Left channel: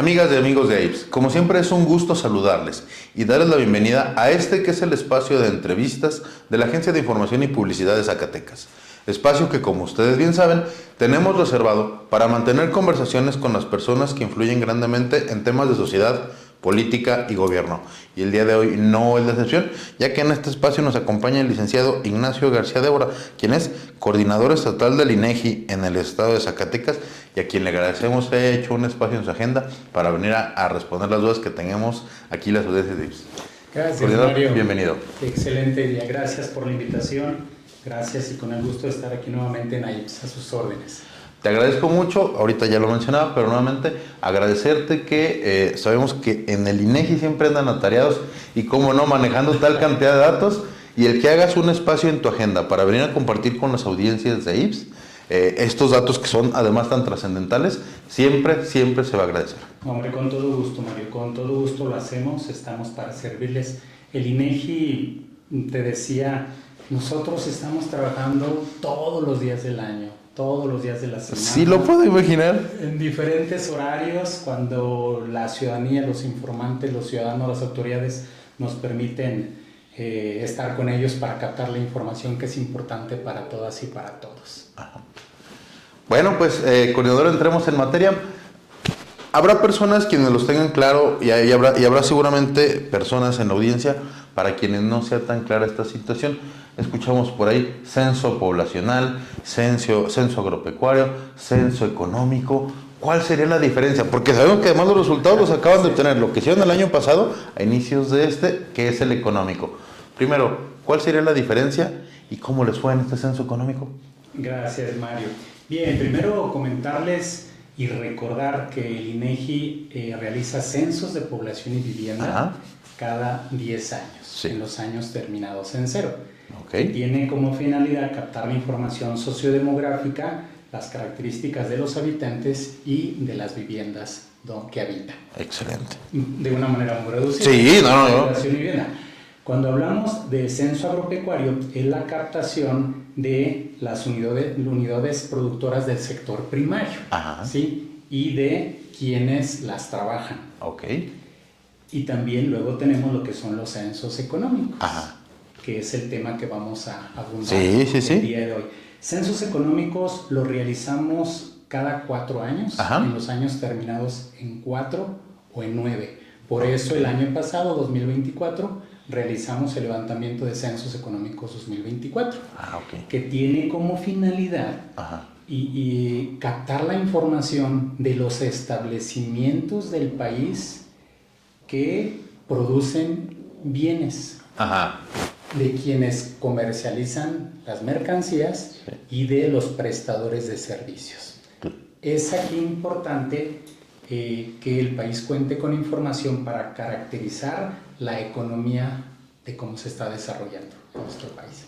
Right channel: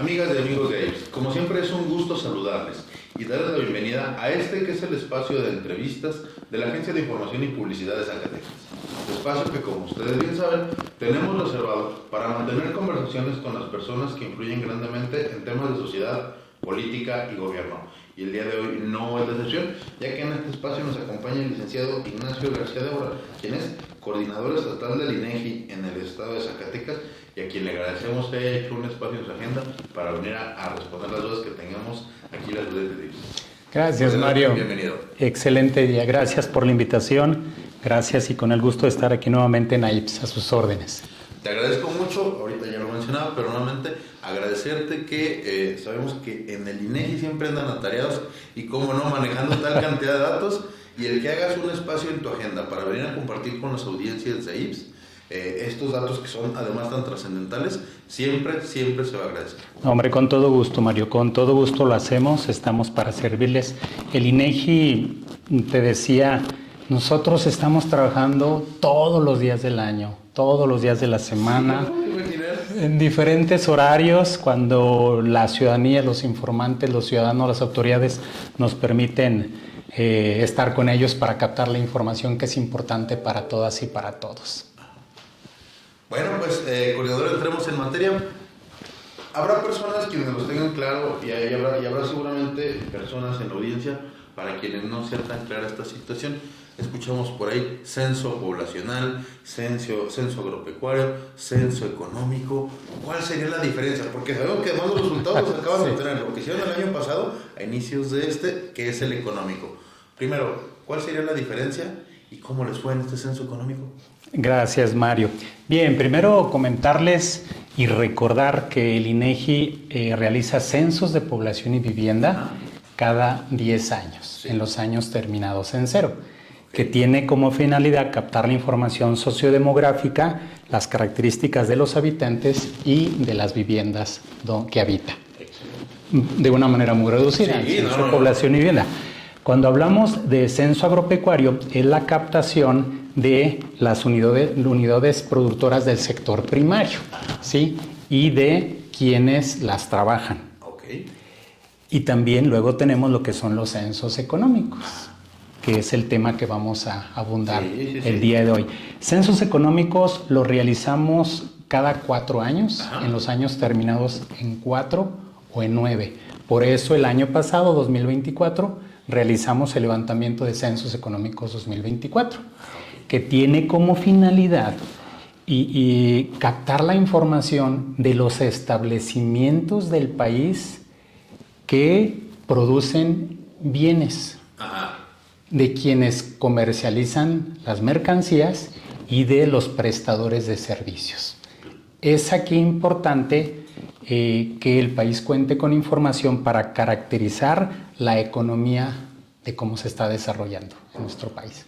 Amigas y amigos de AIPS, como siempre es un gusto saludarles y darles la bienvenida a este que es el espacio de entrevistas de la Agencia de Información y Publicidad de Zacatecas. Espacio que, como ustedes bien saben, tenemos reservado para mantener conversaciones con las personas que influyen grandemente en temas de sociedad, política y gobierno. Y el día de hoy no es la excepción, ya que en este espacio nos acompaña el licenciado Ignacio García Débora, quien es coordinador estatal del INEGI en el estado de Zacatecas, y a quien le agradecemos que haya hecho un espacio en su agenda para venir a responder las dudas que tengamos aquí las audiencias de IPS. Gracias, Mario. Bienvenido. Excelente día. Gracias por la invitación. Gracias y con el gusto de estar aquí nuevamente en AIPS, a sus órdenes. Te agradezco mucho, ahorita ya lo mencionaba, pero nuevamente agradecerte que sabemos que en el INEGI siempre andan atareados y cómo no, manejando tal cantidad de datos, y el que hagas un espacio en tu agenda para venir a compartir con las audiencias de IPS estos datos que son además tan trascendentales, siempre se va a agradecer. Hombre, con todo gusto, Mario, con todo gusto lo hacemos, estamos para servirles. El INEGI, te decía, nosotros estamos trabajando todos los días del año, todos los días de la semana. Sí, lo puedo imaginar. En diferentes horarios, cuando la ciudadanía, los informantes, los ciudadanos, las autoridades nos permiten estar con ellos para captar la información que es importante para todas y para todos. Bueno, pues, coordinador, entremos en materia. Habrá personas quienes los tengan claro y habrá seguramente personas en la audiencia para quienes no sea tan clara esta situación. Escuchamos por ahí censo poblacional, censo agropecuario, censo económico. ¿Cuál sería la diferencia? Porque sabemos que además los resultados los acaban de obtener, lo que hicieron el año pasado a inicios de que es el económico. Primero, ¿cuál sería la diferencia y cómo les fue en este censo económico? Gracias, Mario. Bien, primero comentarles y recordar que el INEGI realiza censos de población y vivienda cada 10 años, en los años terminados en cero, que tiene como finalidad captar la información sociodemográfica, las características de los habitantes y de las viviendas que habitan. Excelente. De una manera muy reducida. Sí, Población y vivienda. Cuando hablamos de censo agropecuario, es la captación de las unidades productoras del sector primario, ¿sí? Y de quienes las trabajan. Y también luego tenemos lo que son los censos económicos, que es el tema que vamos a abundar el día de hoy. Censos económicos los realizamos cada 4 años, en los años terminados en 4 o en 9. Por eso el año pasado, 2024, realizamos el levantamiento de censos económicos 2024, que tiene como finalidad y captar la información de los establecimientos del país que producen bienes, de quienes comercializan las mercancías y de los prestadores de servicios. Es aquí importante que el país cuente con información para caracterizar la economía de cómo se está desarrollando en nuestro país.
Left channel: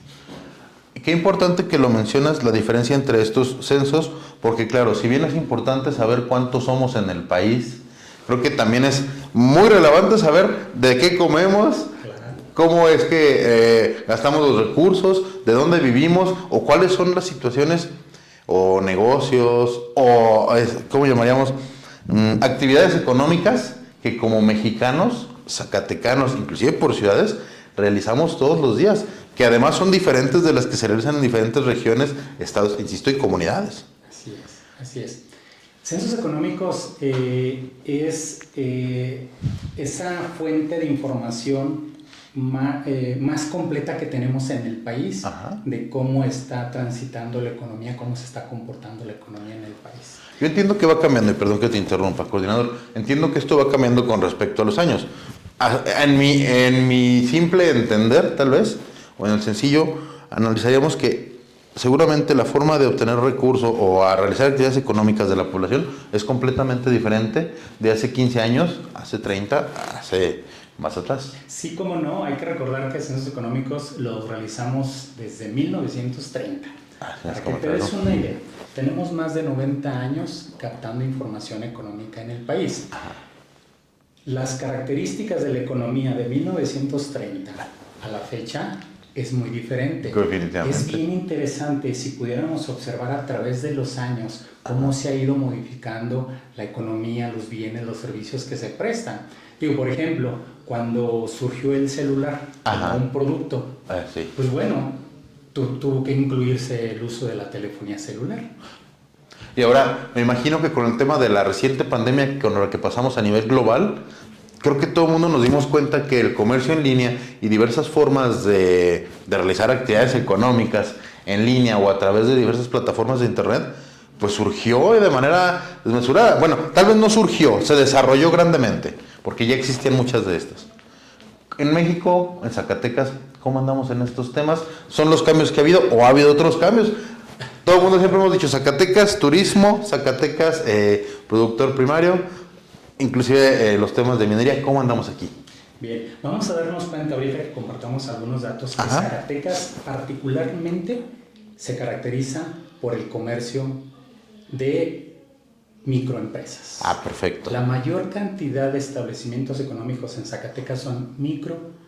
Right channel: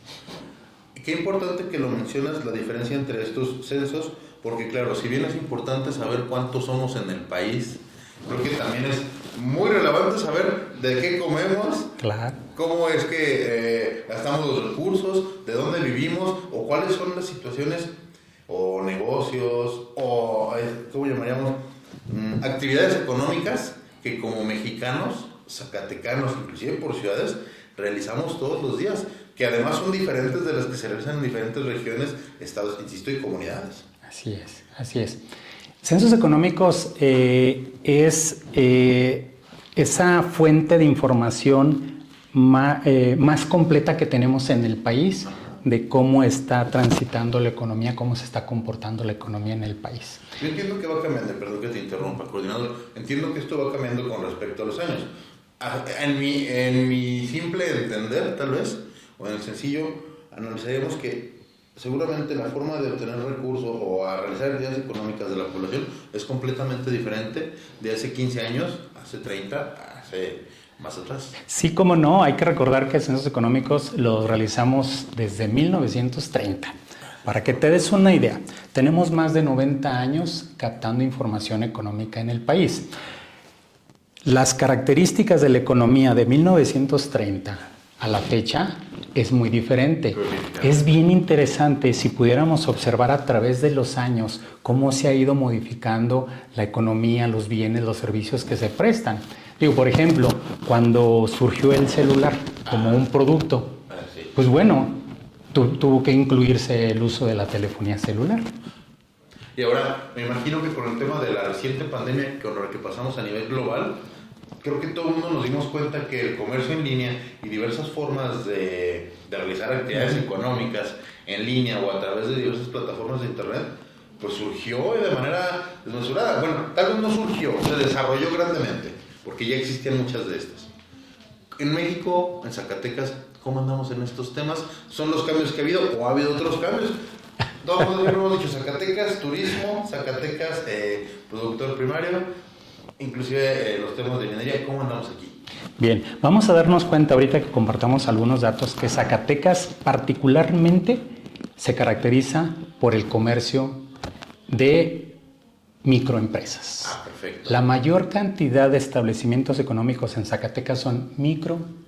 Qué importante que lo mencionas, la diferencia entre estos censos, porque claro, si bien es importante saber cuántos somos en el país, creo que también es muy relevante saber de qué comemos, cómo es que gastamos los recursos, de dónde vivimos o cuáles son las situaciones o negocios o, ¿cómo llamaríamos? Actividades económicas que como mexicanos, zacatecanos, inclusive por ciudades, realizamos todos los días, que además son diferentes de las que se realizan en diferentes regiones, estados, insisto, y comunidades. Así es. Censos económicos es esa fuente de información más completa que tenemos en el país de cómo está transitando la economía, cómo se está comportando la economía en el país. Yo entiendo que va cambiando, y perdón que te interrumpa, coordinador, entiendo que esto va cambiando con respecto a los años. En mi simple entender, tal vez, o en el sencillo, analizaríamos que seguramente la forma de obtener recursos o a realizar actividades económicas de la población es completamente diferente de hace 15 años, hace 30, hace más atrás. Sí, cómo no, hay que recordar que censos económicos los realizamos desde 1930. Para que te des una idea, tenemos más de 90 años captando información económica en el país. Las características de la economía de 1930 a la fecha es muy diferente. Es bien interesante si pudiéramos observar a través de los años cómo se ha ido modificando la economía, los bienes, los servicios que se prestan. Digo, por ejemplo, cuando surgió el celular como un producto, pues bueno, tuvo que incluirse el uso de la telefonía celular. Y ahora, me imagino que con el tema de la reciente pandemia con la que pasamos a nivel global, creo que todo el mundo nos dimos cuenta que el comercio en línea y diversas formas de realizar actividades económicas en línea o a través de diversas plataformas de internet, pues surgió de manera desmesurada. Bueno, tal vez no surgió, se desarrolló grandemente, porque ya existían muchas de estas. En México, en Zacatecas, ¿cómo andamos en estos temas? ¿Son los cambios que ha habido o ha habido otros cambios? Todo el mundo siempre hemos dicho Zacatecas, turismo, Zacatecas, productor primario, inclusive los temas de minería. ¿Cómo andamos aquí? Bien, vamos a darnos cuenta ahorita que compartamos algunos datos que Zacatecas particularmente se caracteriza por el comercio de microempresas. Perfecto. La mayor cantidad de establecimientos económicos en Zacatecas son microempresas.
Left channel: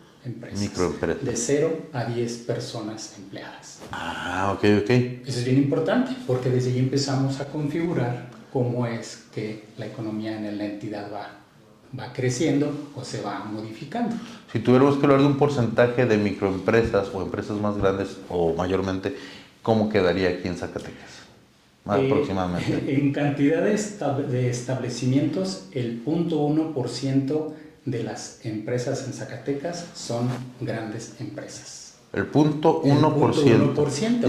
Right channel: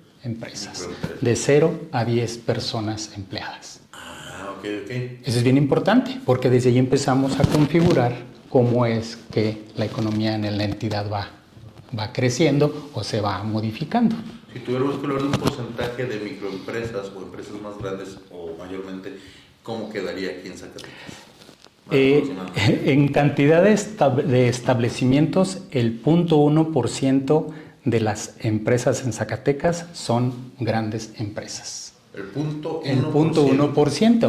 De 0 a 10 personas empleadas. Ok. Eso es bien importante porque desde ahí empezamos a configurar cómo es que la economía en la entidad va creciendo o se va modificando. Si tuviéramos que hablar de un porcentaje de microempresas o empresas más grandes o mayormente, ¿cómo quedaría aquí en Zacatecas? Aproximadamente. En cantidad de establecimientos, el 0.1% de las empresas en Zacatecas son grandes empresas. El 0.1%. Y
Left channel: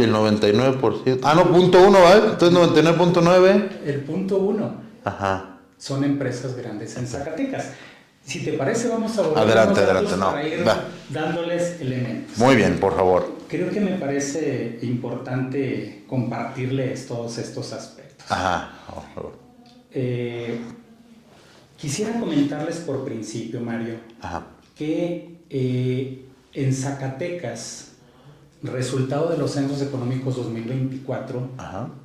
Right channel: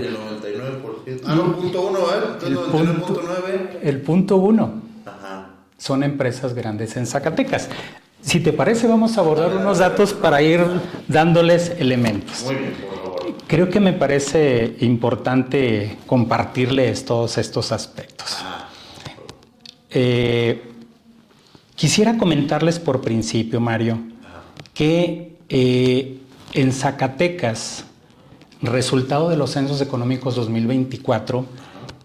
el 99%. 0.1, ¿vale? Entonces 99.9. El 0.1. Son empresas grandes en Zacatecas. Si te parece, vamos a abordar unos datos para ir dándoles elementos. Muy bien, por favor. Creo que me parece importante compartirles todos estos aspectos. Quisiera comentarles por principio, Mario, que en Zacatecas, resultado de los censos económicos 2024,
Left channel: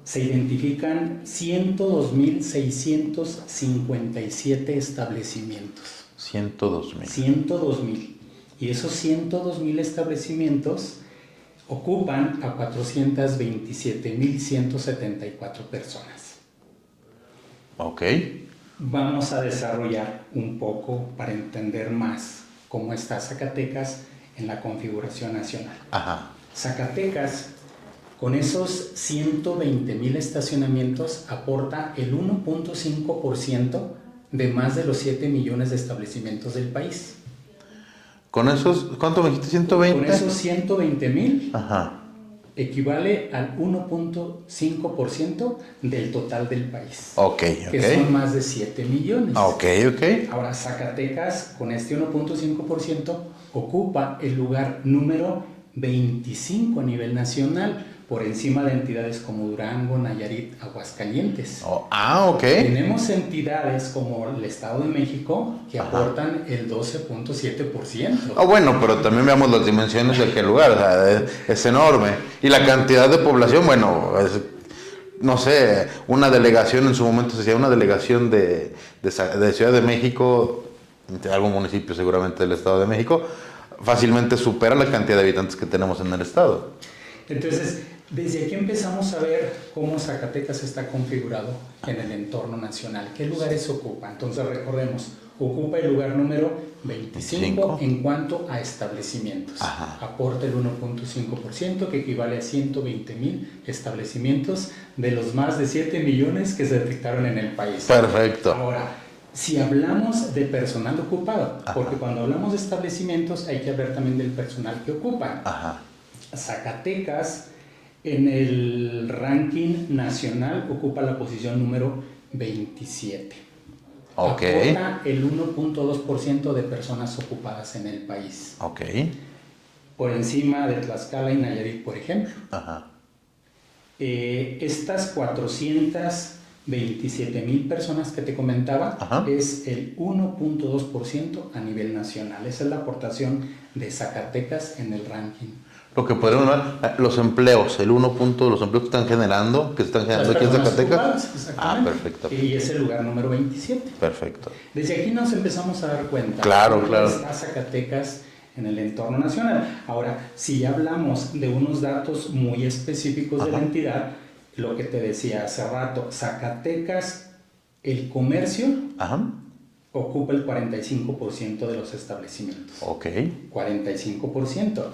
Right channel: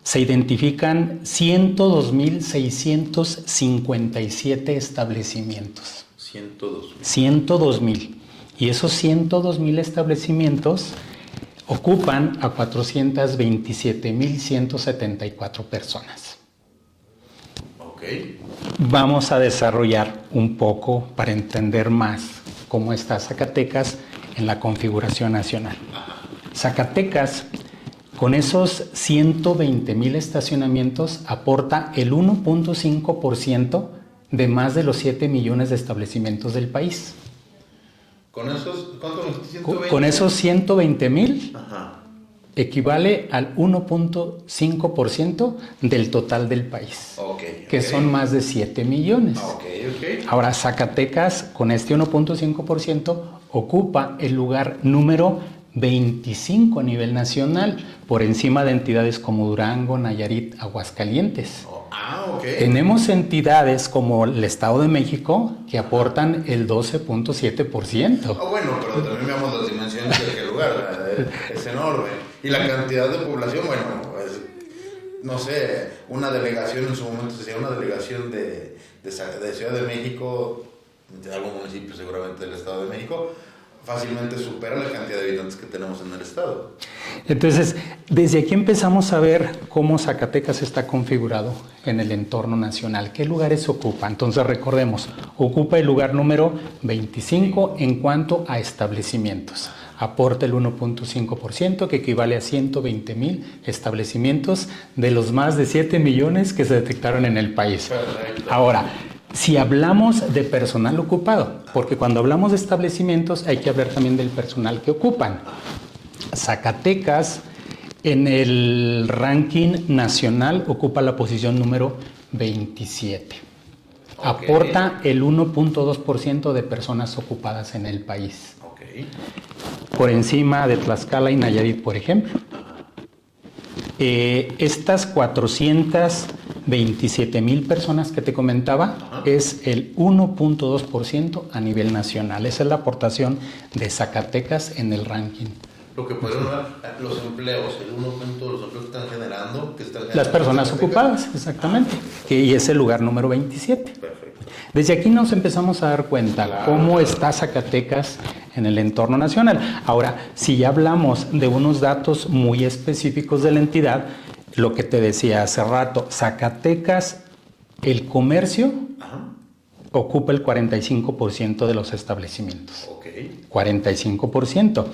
se identifican 102.657 establecimientos. 102.000. Y esos 102.000 establecimientos ocupan a 427.174 personas. Vamos a desarrollar un poco para entender más cómo está Zacatecas en la configuración nacional. Zacatecas, con esos 120.000 estacionamientos, aporta el 1.5% de más de los 7 millones de establecimientos del país. ¿Con esos, cuánto me dijiste? ¿120? Con esos 120.000 equivale al 1.5% del total del país. Que son más de 7 millones. Ahora, Zacatecas, con este 1.5%, ocupa el lugar número 25 a nivel nacional, por encima de entidades como Durango, Nayarit, Aguascalientes. Tenemos entidades como el Estado de México que aportan el 12.7%. Bueno, pero también veamos las dimensiones de aquel lugar, o sea, es enorme. Y la cantidad de población, bueno, no sé, una delegación en su momento se decía una delegación de Ciudad de México, de algún municipio seguramente del Estado de México, fácilmente supera la cantidad de habitantes que tenemos en el estado. Entonces, desde aquí empezamos a ver cómo Zacatecas está configurado en el entorno nacional. ¿Qué lugares ocupa? Entonces, recordemos, ocupa el lugar número 25 en cuanto a establecimientos. Aporta el 1.5%, que equivale a 120.000 establecimientos de los más de 7 millones que se detectaron en el país. Perfecto. Ahora, si hablamos de personal ocupado, porque cuando hablamos de establecimientos hay que hablar también del personal que ocupan. Zacatecas en el ranking nacional ocupa la posición número 27. Aporta el 1.2% de personas ocupadas en el país. Por encima de Tlaxcala y Nayarit, por ejemplo. Estas 427.000 personas que te comentaba es el 1.2% a nivel nacional. Esa es la aportación de Zacatecas en el ranking. Lo que podemos llamar los empleos, el 1 punto de los empleos que están generando Las aquí en personas Zacatecas. ocupadas, exactamente. Perfecto. Y es el lugar número 27. Perfecto. Desde aquí nos empezamos a dar cuenta cómo está Zacatecas en el entorno nacional. Ahora, si ya hablamos de unos datos muy específicos de la entidad, lo que te decía hace rato, Zacatecas, el comercio ocupa el 45% de los establecimientos. Ok. 45%.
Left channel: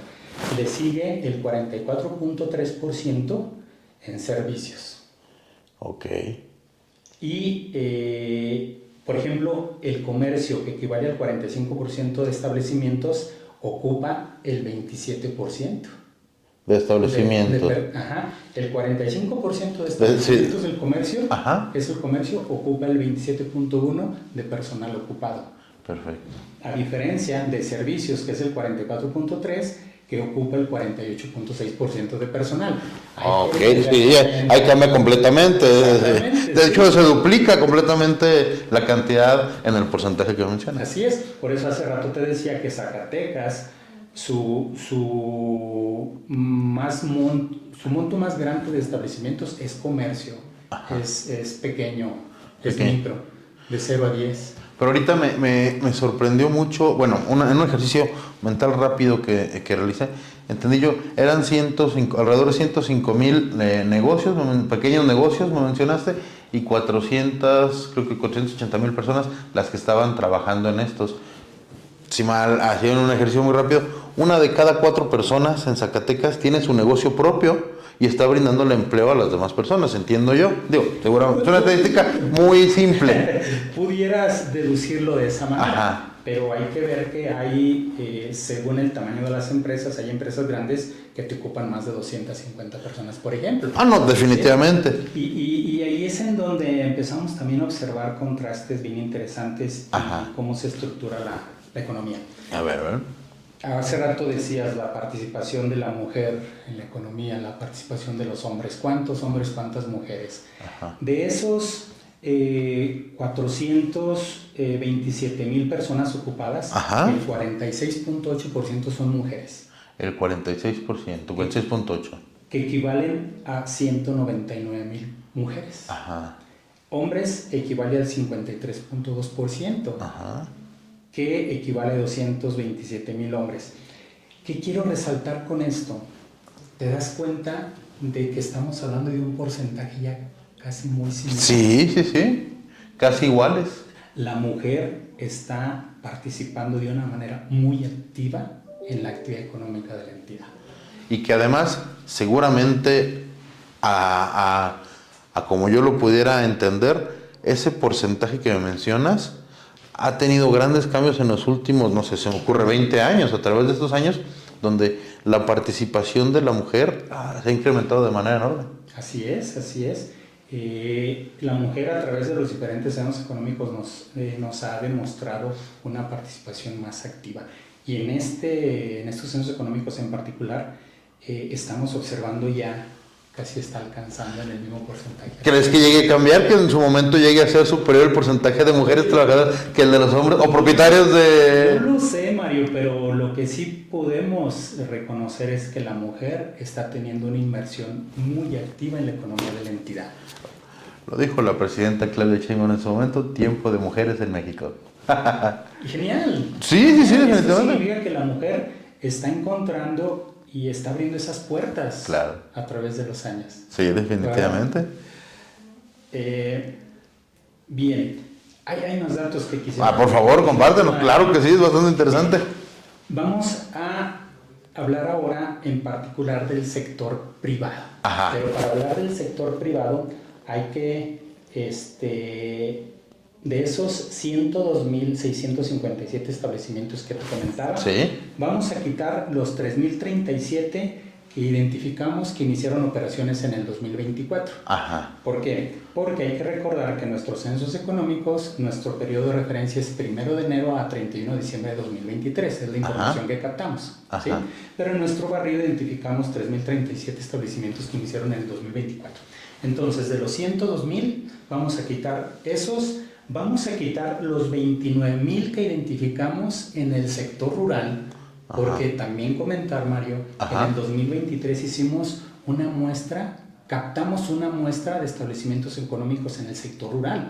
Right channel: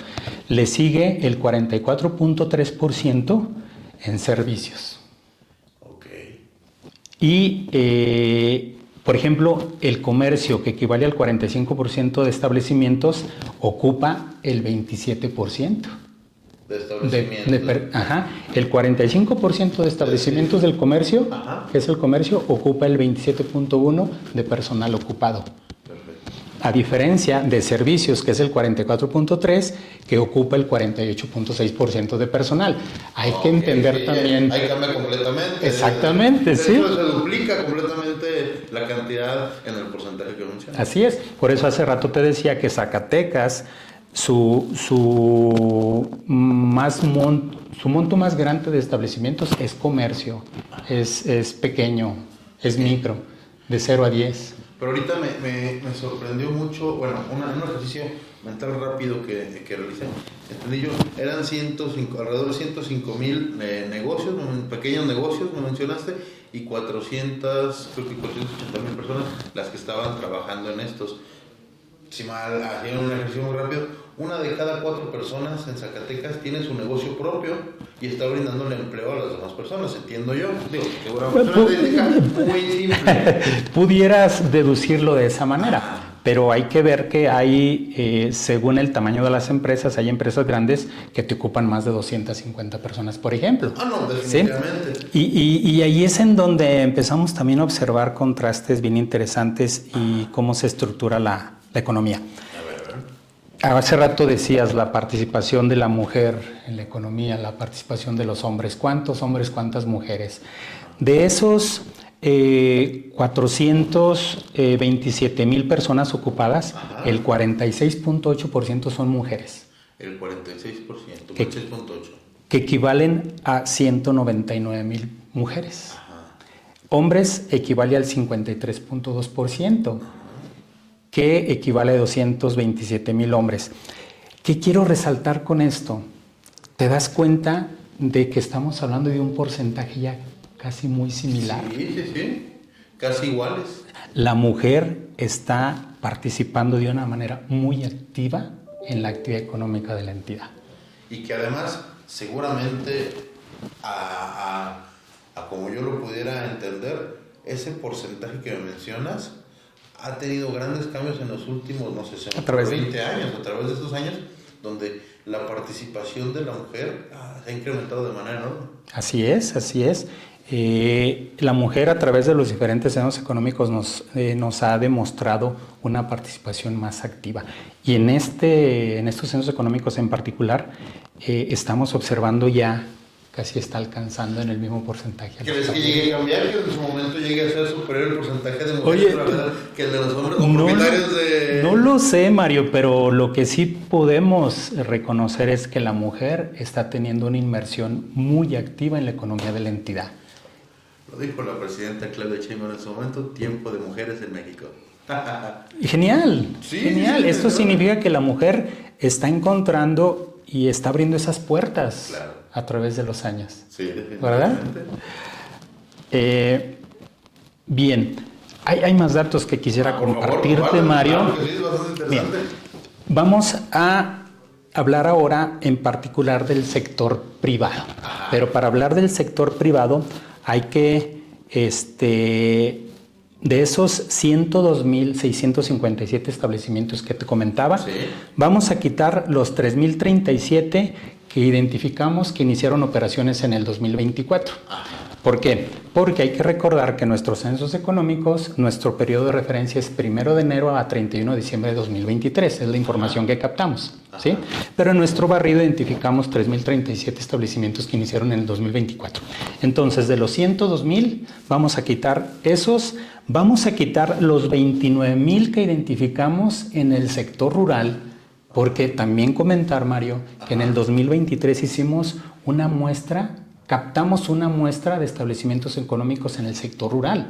Le sigue el 44.3% en servicios. Ok. Y, por ejemplo, el comercio, que equivale al 45% de establecimientos, ocupa el 27%. De establecimientos. El 45% de establecimientos del comercio, que es el comercio, ocupa el 27.1% de personal ocupado. Perfecto. A diferencia de servicios, que es el 44.3%, que ocupa el 48.6% de personal. Hay que entender también. Ahí cambia completamente. Exactamente. De hecho, se duplica completamente la cantidad en el porcentaje que mencionas. Así es. Por eso hace rato te decía que Zacatecas, su monto más grande de establecimientos es comercio, es pequeño, es micro, de 0 a 10. Pero ahorita me sorprendió mucho, bueno, en un ejercicio mental rápido que realicé, entendí yo, eran alrededor de 105,000 negocios, pequeños negocios, me mencionaste, y 480,000 personas las que estaban trabajando en estos. Si mal hacían un ejercicio muy rápido, 1 de cada 4 personas en Zacatecas tiene su negocio propio y está brindándole empleo a las demás personas, entiendo yo. Digo, seguramente es una estadística muy simple. Pudieras deducirlo de esa manera, pero hay que ver que hay, según el tamaño de las empresas, hay empresas grandes que te ocupan más de 250 personas, por ejemplo. No, definitivamente. ¿Sí? Y ahí es en donde empezamos también a observar contrastes bien interesantes y cómo se estructura la economía. A ver. Hace rato decías la participación de la mujer en la economía, la participación de los hombres. ¿Cuántos hombres, cuántas mujeres? De esos 427,000 personas ocupadas, el 46.8% son mujeres. El 46%, 46.8%. Que equivalen a 199,000 mujeres. Hombres equivale al 53.2%. Que equivale a 227,000 hombres. ¿Qué quiero resaltar con esto? Te das cuenta de que estamos hablando de un porcentaje ya casi muy similar. Sí, casi iguales. La mujer está participando de una manera muy activa en la actividad económica de la entidad. Y que además, seguramente, a como yo lo pudiera entender, ese porcentaje que me mencionas ha tenido grandes cambios en los últimos, no sé, se me ocurre 20 años, a través de estos años, donde la participación de la mujer se ha incrementado de manera enorme. Así es. La mujer, a través de los diferentes censos económicos, nos ha demostrado una participación más activa. Y en estos censos económicos en particular, estamos observando ya casi está alcanzando en el mismo porcentaje. ¿Crees que llegue a cambiar, que en su momento llegue a ser superior el porcentaje de mujeres trabajadoras que el de los hombres o propietarios de...? No lo sé, Mario, pero lo que sí podemos reconocer es que la mujer está teniendo una inmersión muy activa en la economía de la entidad. Lo dijo la presidenta Claudia Sheinbaum en su momento, tiempo de mujeres en México. Genial. Sí. Eso significa que la mujer está encontrando y está abriendo esas puertas a través de los años. Sí, definitivamente. Bien, hay más datos que quisiera por favor, compártelo. Claro que sí, es bastante interesante. Vamos a hablar ahora en particular del sector privado. Pero para hablar del sector privado hay que, de esos 102,657 establecimientos que te comentaba, vamos a quitar los 3,037 que identificamos que iniciaron operaciones en el 2024. ¿Por qué? Porque hay que recordar que nuestros censos económicos, nuestro periodo de referencia es 1 de enero a 31 de diciembre de 2023, es la información que captamos. ¿Sí? Pero en nuestro barrido identificamos 3,037 establecimientos que iniciaron en el 2024. Entonces, de los 102,000, vamos a quitar esos. Vamos a quitar los 29,000 que identificamos en el sector rural Porque también comentar, Mario, que en Ajá. el 2023 hicimos una muestra, captamos una muestra de establecimientos económicos en el sector rural.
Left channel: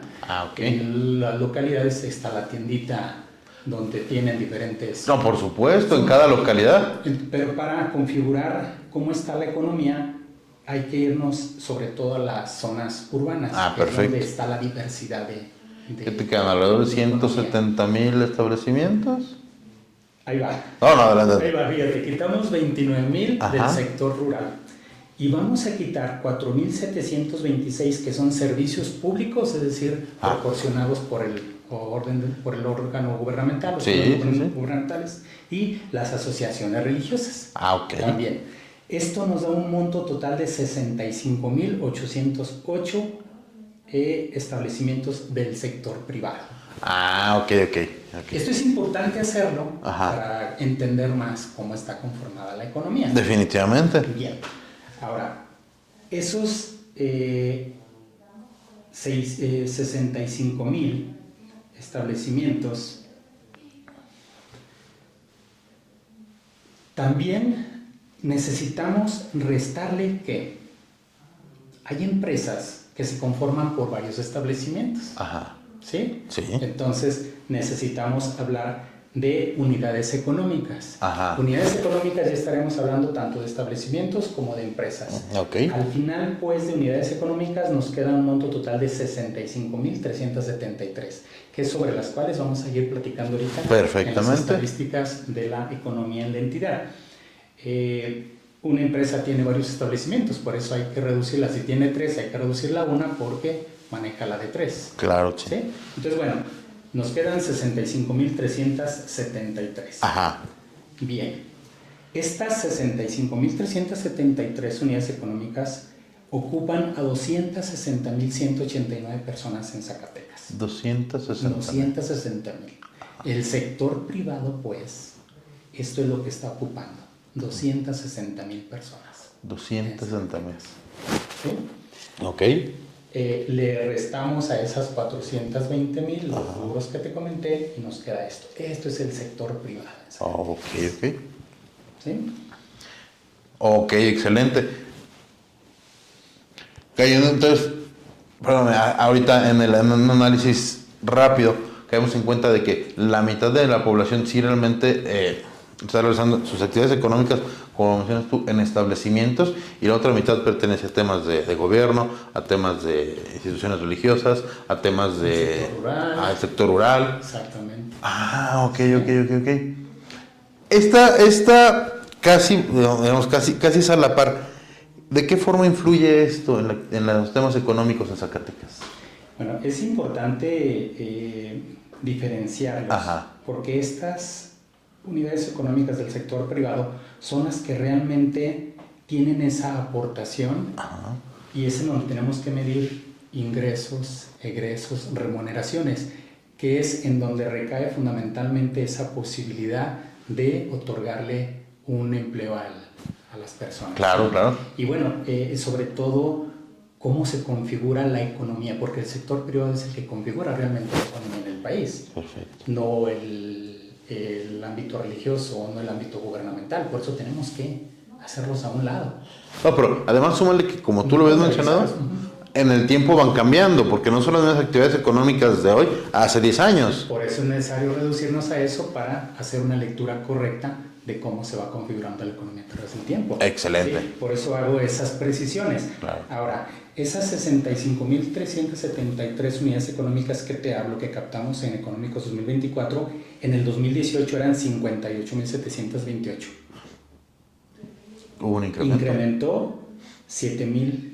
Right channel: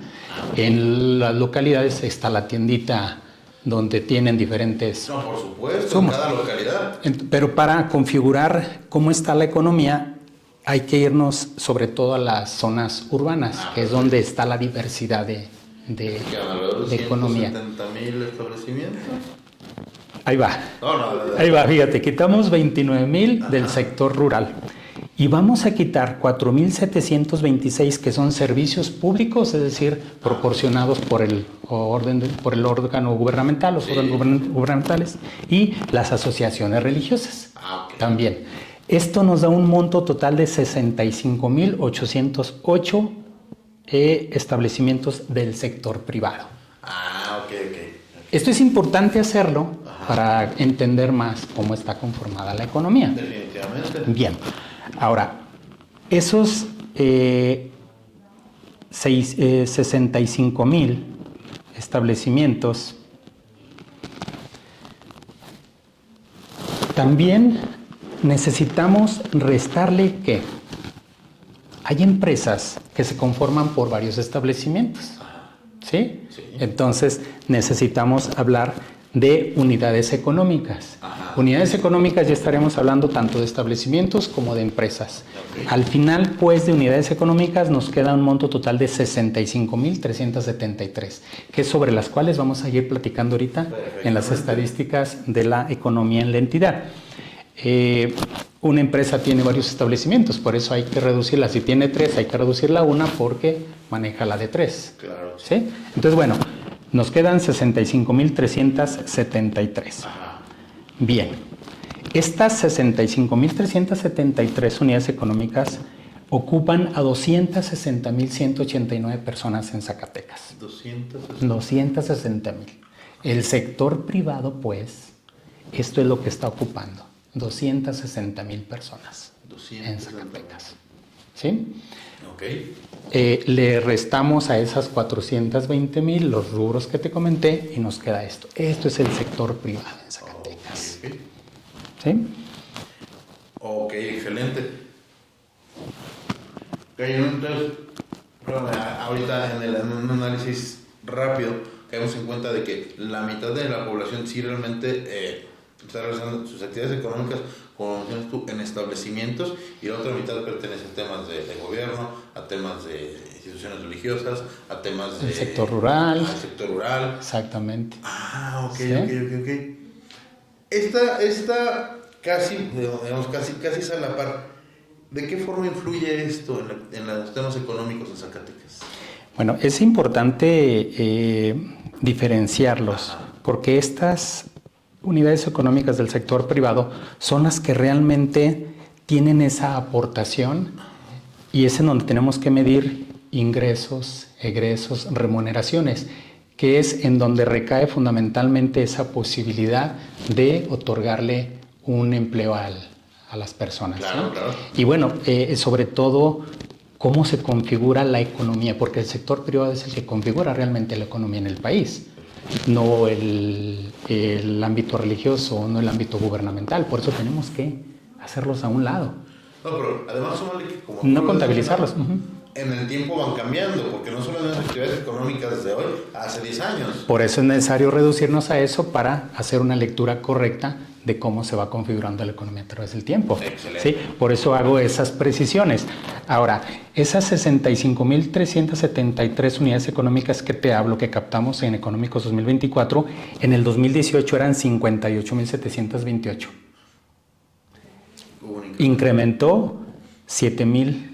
Ok. En las localidades está la tiendita donde tienen diferentes... No, por supuesto, en Sumas. cada localidad. Pero para configurar cómo está la economía, hay que irnos sobre todo a las zonas urbanas, que es Perfecto. donde está la diversidad de ¿Te quedan alrededor de economía. 170,000 establecimientos? Ahí va. No, no, adelante. Ahí va, fíjate, quitamos 29,000 del Ajá. sector rural y vamos a quitar 4,726 que son servicios públicos, es decir, proporcionados por el órgano gubernamental, los Sí, órganos sí, sí. gubernamentales y las asociaciones religiosas. Ok. También. Esto nos da un monto total de 65,808 establecimientos del sector privado. Ok. Esto es importante hacerlo Ajá. para entender más cómo está conformada la economía. Definitivamente. Bien, ahora, esos 65,000 establecimientos también necesitamos restarle que hay empresas que se conforman por varios establecimientos. Ajá. ¿Sí? Sí. Entonces necesitamos hablar de unidades económicas. Ajá. Unidades económicas ya estaremos hablando tanto de establecimientos como de empresas. Ok. Al final, pues, de unidades económicas nos queda un monto total de 65,373, que es sobre las cuales vamos a ir platicando ahorita en las Perfectamente. estadísticas de la economía en la entidad. Una empresa tiene varios establecimientos, por eso hay que reducirla. Si tiene 3, hay que reducirla a 1 porque maneja la de 3. Claro, sí. ¿Sí? Entonces, bueno, nos quedan 65,373. Ajá. Bien, estas 65,373 unidades económicas ocupan a 260,189 personas en Zacatecas. 260. 260,000. El sector privado, pues, esto es lo que está ocupando. 260,000 personas. 260,000. ¿Sí? Ok. Le restamos a esas 420,000 los rubros que te comenté y nos queda esto. Esto es el sector privado en Zacatecas. Ok. ¿Sí? Ok, excelente. Cayendo entonces, perdón, ahorita en un análisis rápido, caemos en cuenta de que la mitad de la población sí realmente está realizando sus actividades económicas, como mencionas tú, en establecimientos, y la otra mitad pertenece a temas de gobierno, a temas de instituciones religiosas, a temas de... sector rural. Al sector rural. Exactamente. Ok. Sí. Ok. Esta casi, digamos, casi es a la par. ¿De qué forma influye esto en los temas económicos en Zacatecas? Bueno, es importante diferenciarlos. Ajá. Porque estas unidades económicas del sector privado son las que realmente tienen esa aportación. Ajá. Y es en donde tenemos que medir ingresos, egresos, remuneraciones, que es en donde recae fundamentalmente esa posibilidad de otorgarle un empleo a las personas. Claro, ¿sí? claro. Y bueno, sobre todo, cómo se configura la economía, porque el sector privado es el que configura realmente la economía en el país, no el ámbito religioso, no el ámbito gubernamental. Por eso tenemos que hacerlos a un lado. No, pero además súmale que, como tú No lo ves contabilizarlos. mencionado, en el tiempo van cambiando, porque no son las mismas actividades económicas de hoy hace 10 años. Por eso es necesario reducirnos a eso para hacer una lectura correcta de cómo se va configurando la economía a través del tiempo. Excelente. ¿Sí? Por eso hago esas precisiones. Claro. Ahora, esas 65,373 unidades económicas que te hablo, que captamos en Económicos 2024, en el 2018 eran 58,728. Incrementó 7,000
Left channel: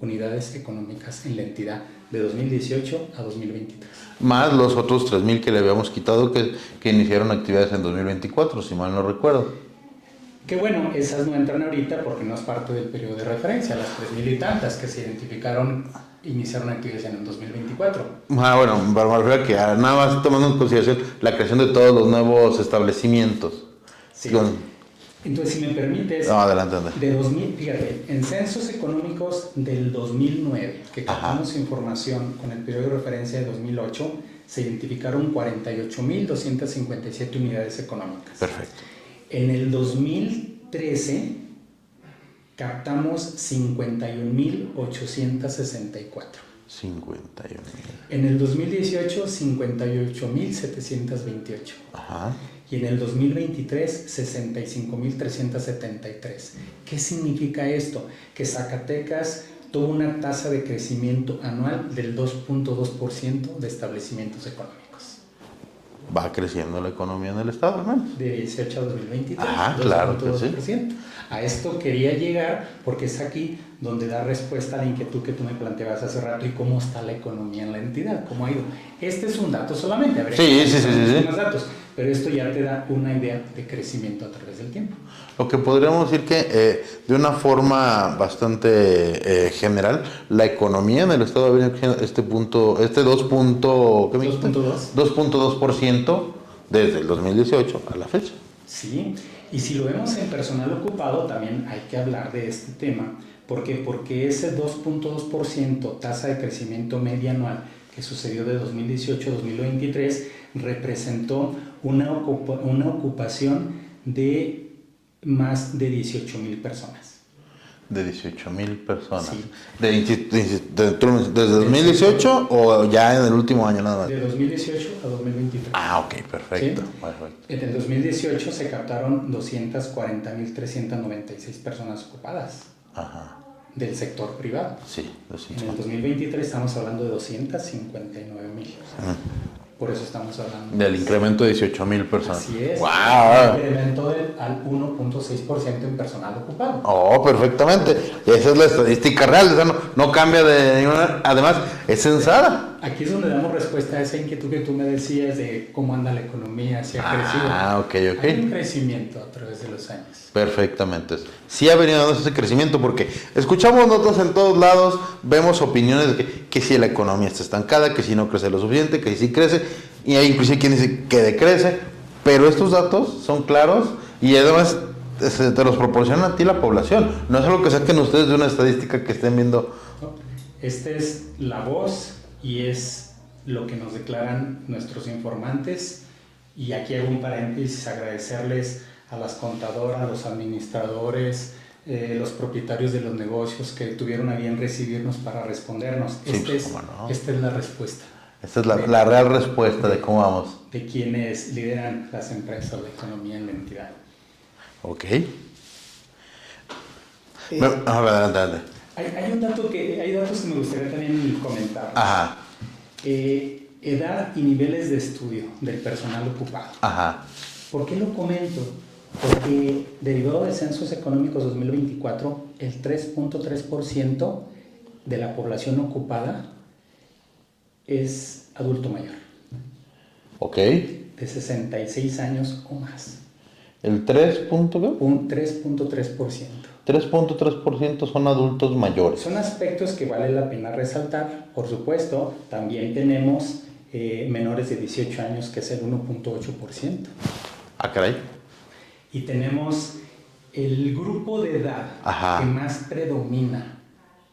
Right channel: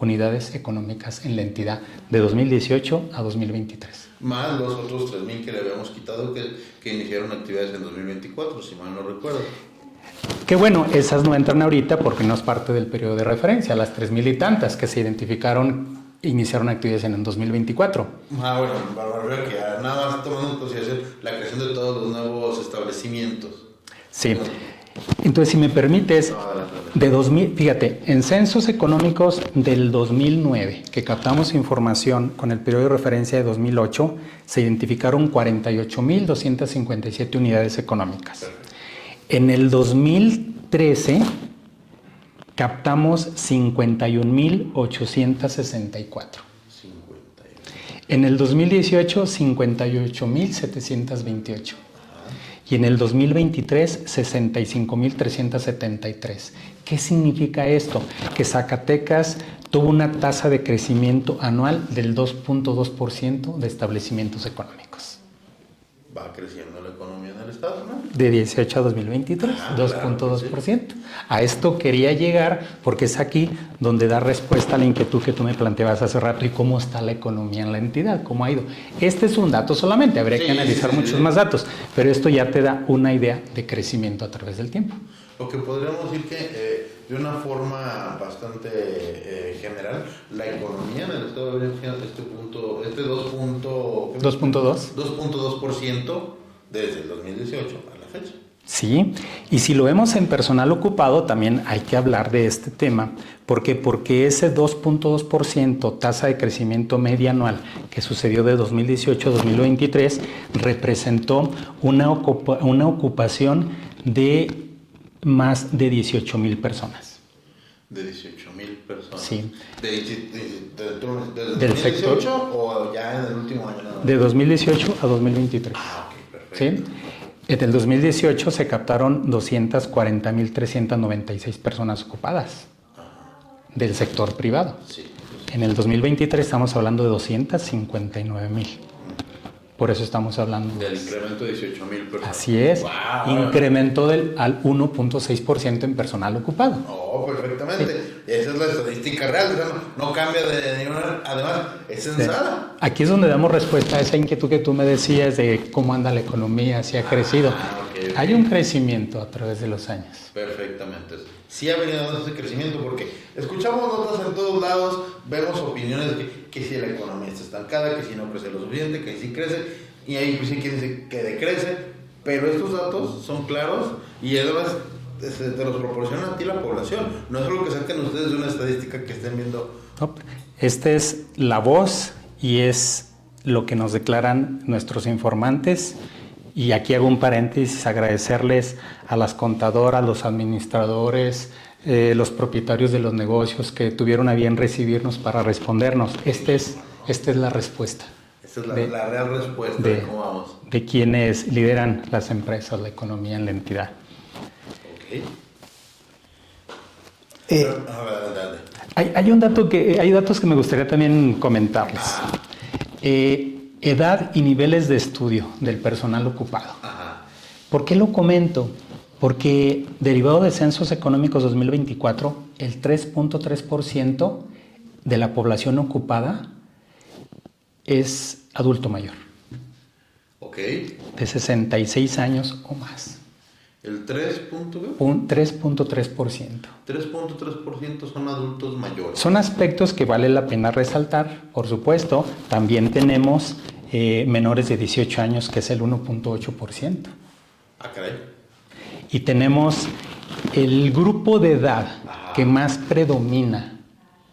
unidades económicas en la entidad de 2018 a 2023. Más los otros 3,000 que le habíamos quitado que iniciaron actividades en 2024, si mal no recuerdo. Que bueno, esas no entran ahorita porque no es parte del periodo de referencia, las 3,000 y tantas que se identificaron iniciaron actividades en el 2024. Bueno, me refiero a que nada más tomando en consideración la creación de todos los nuevos establecimientos. Sí. Entonces, si me permites, adelante. De 2000, fíjate, en censos económicos del 2009, que captamos información con el periodo de referencia de 2008, se identificaron 48,257 unidades económicas. Perfecto. En el 2013 captamos 51,864. 51. En el 2018, 58,728. Ajá. Y en el 2023, 65,373. ¿Qué significa esto? Que Zacatecas tuvo una tasa de crecimiento anual del 2.2% de establecimientos económicos. Va creciendo la economía en el estado, ¿no? De 18 a 2023, Claro que 2.2%. sí. A esto quería llegar porque es aquí donde da respuesta a la inquietud que tú me planteabas hace rato y cómo está la economía en la entidad, cómo ha ido. Este es un dato solamente, habría que analizar muchos más datos, pero esto ya te da una idea de crecimiento a través del tiempo. Lo que podríamos decir que de una forma bastante general, la economía en el estado ha venido creciendo este 2.2% desde el 2018 a la fecha. Sí, y si lo vemos en personal ocupado, también hay que hablar de este tema. ¿Por qué? Porque ese 2.2% tasa de crecimiento media anual que sucedió de 2018 a 2023 representó una ocupación de más de 18,000 personas. De 18,000 personas. Sí. ¿Desde 2018 o ya en el último año nada más? De 2018 a 2023. Ah, ok, perfecto. ¿Sí? En el 2018 se captaron 240,396 personas ocupadas. Ajá. Del sector privado. Sí. En el 2023 estamos hablando de 259,000. Por eso estamos hablando. Del incremento de 18,000 personas. Así es. ¡Wow! Incrementó al 1.6% en personal ocupado. Oh, perfectamente. Esa es la estadística real. O sea, no cambia de ninguna. Además, es censada. Sí. Aquí es donde damos respuesta a esa inquietud que tú me decías de cómo anda la economía, si ha crecido. Ok. Hay un crecimiento a través de los años. Perfectamente. Sí ha venido dando ese crecimiento porque escuchamos notas en todos lados, vemos opiniones de que si la economía está estancada, que si no crece lo suficiente, que si crece, y hay inclusive quien dice que decrece, pero estos datos son claros y además te los proporcionan a ti la población. No es algo que saquen ustedes de una estadística que estén viendo. Esta es la voz y es lo que nos declaran nuestros informantes. Y aquí hago un paréntesis, agradecerles a las contadoras, los administradores, los propietarios de los negocios que tuvieron a bien recibirnos para respondernos. Esta es la respuesta. Esta es la real respuesta de cómo vamos. De quienes lideran las empresas, la economía en la entidad. Ok. Dale. Hay datos que me gustaría también comentarles. Ajá. Edad y niveles de estudio del personal ocupado. Ajá. ¿Por qué lo comento? Porque derivado de Censos Económicos 2024, el 3.3% de la población ocupada es adulto mayor. Ok. De 66 años o más. ¿El 3.3%? Un 3.3%. 3.3% son adultos mayores. Son aspectos que vale la pena resaltar. Por supuesto, también tenemos menores de 18 años, que es el 1.8%. Ah, caray. Y tenemos el grupo de edad que más predomina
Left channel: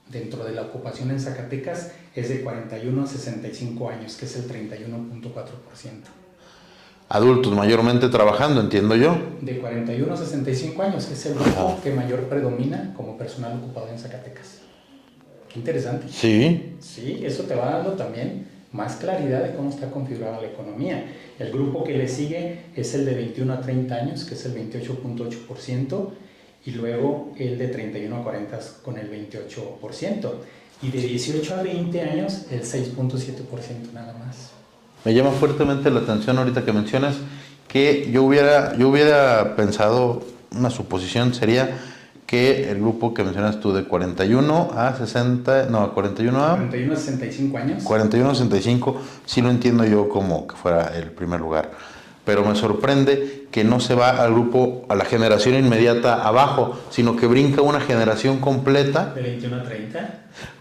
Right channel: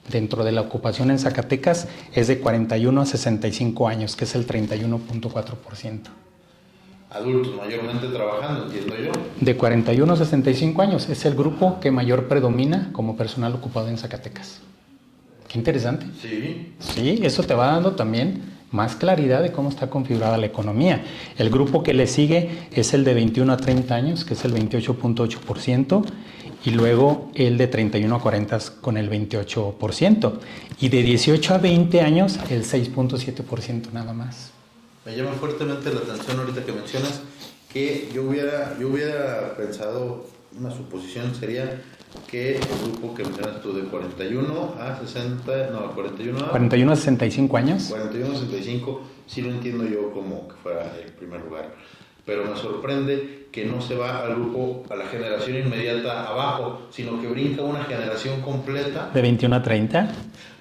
dentro de la ocupación en Zacatecas es de 41 a 65 años, que es el 31.4%. Adultos mayormente trabajando, entiendo yo. De 41 a 65 años es el grupo que mayor predomina como personal ocupado en Zacatecas. Qué interesante. Sí. Sí, eso te va dando también más claridad de cómo está configurada la economía. El grupo que le sigue es el de 21 a 30 años, que es el 28.8%, y luego el de 31 a 40 con el 28%, y de 18 a 20 años el 6.7% nada más. Me llama fuertemente la atención ahorita que mencionas que yo hubiera pensado, una suposición sería que el grupo que mencionas tú de 41 a 65 años. 41 a 65, sí lo entiendo yo como que fuera el primer lugar. Pero me sorprende que no se va al grupo, a la generación inmediata abajo, sino que brinca una generación completa. De 21 a 30.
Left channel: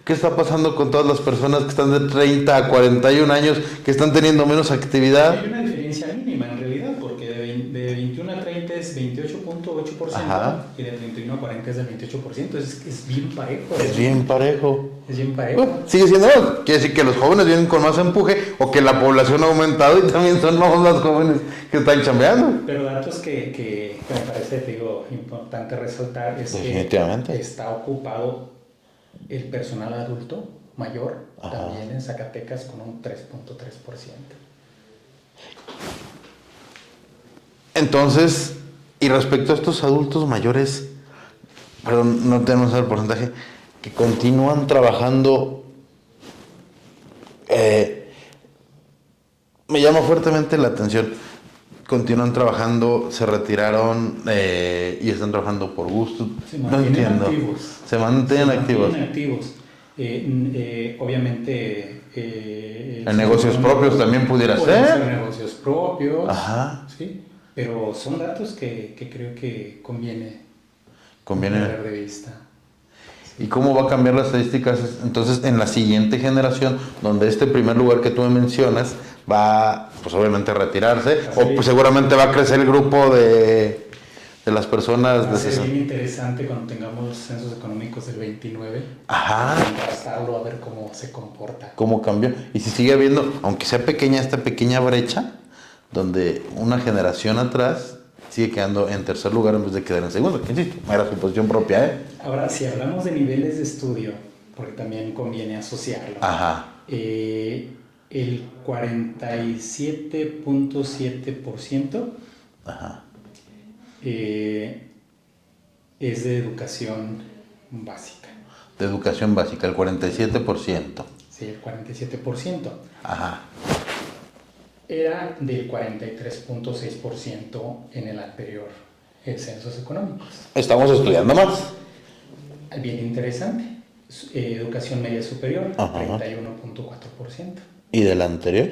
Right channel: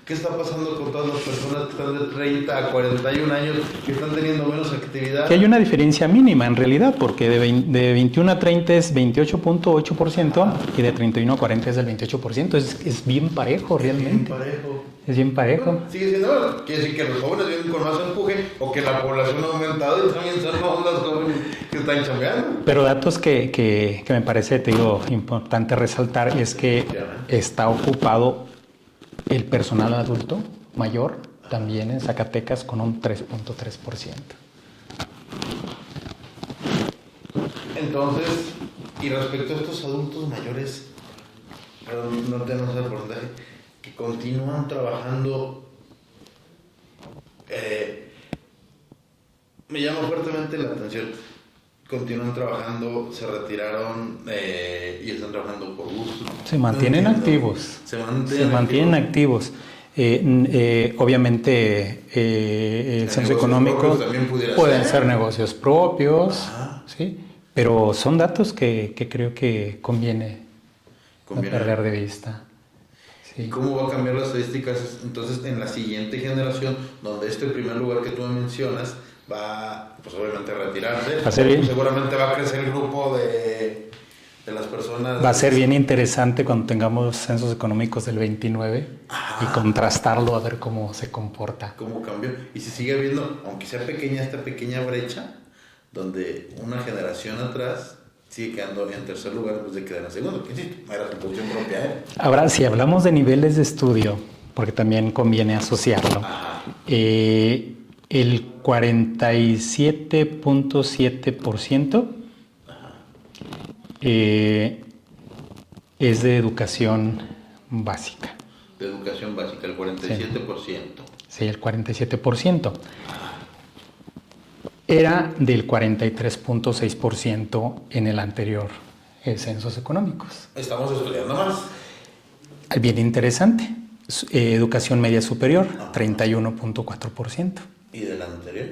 ¿Qué está pasando con todas las personas que están de 30 a 41 años, que están teniendo menos actividad? Hay una diferencia mínima en realidad, porque de 21 a 30 es 28.8% y de 31 a 40 es del 28%. Es bien parejo. Es bien parejo. Es bien parejo. Bueno, sigue siendo, quiere decir que los jóvenes vienen con más empuje o que la población ha aumentado y también son más los jóvenes que están chambeando. Pero datos que me parece, te digo, importante resaltar es que está ocupado el personal adulto mayor también en Zacatecas con un 3.3%. Entonces, y respecto a estos adultos mayores, perdón, no tenemos el porcentaje, que continúan trabajando, me llama fuertemente la atención. Continúan trabajando, se retiraron y están trabajando por gusto. Se mantienen activos. Se mantienen activos. Obviamente, en negocios propios también pueden ser negocios propios. Ajá. ¿Sí? Pero son datos que creo que conviene perder de vista. Sí. ¿Y cómo va a cambiar las estadísticas entonces en la siguiente generación, donde este primer lugar que tú me mencionas va, pues obviamente a retirarse, o pues seguramente va a crecer el grupo de las personas? Va a ser bien interesante cuando tengamos los censos económicos del 29 y contrastarlo a ver cómo se comporta. ¿Cómo cambió? Y si sigue habiendo, aunque sea pequeña, esta pequeña brecha, donde una generación atrás sigue quedando en tercer lugar en vez de quedar en segundo, que insisto, era su posición propia. Ahora, si hablamos de niveles de estudio, porque también conviene asociarlo, el 47.7% es de educación básica. De educación básica, el 47%. Sí, el 47%. Ajá. Era del 43.6% en el anterior censos económicos. Estamos estudiando más. Bien interesante. Educación media superior, 31.4%. ¿Y del anterior?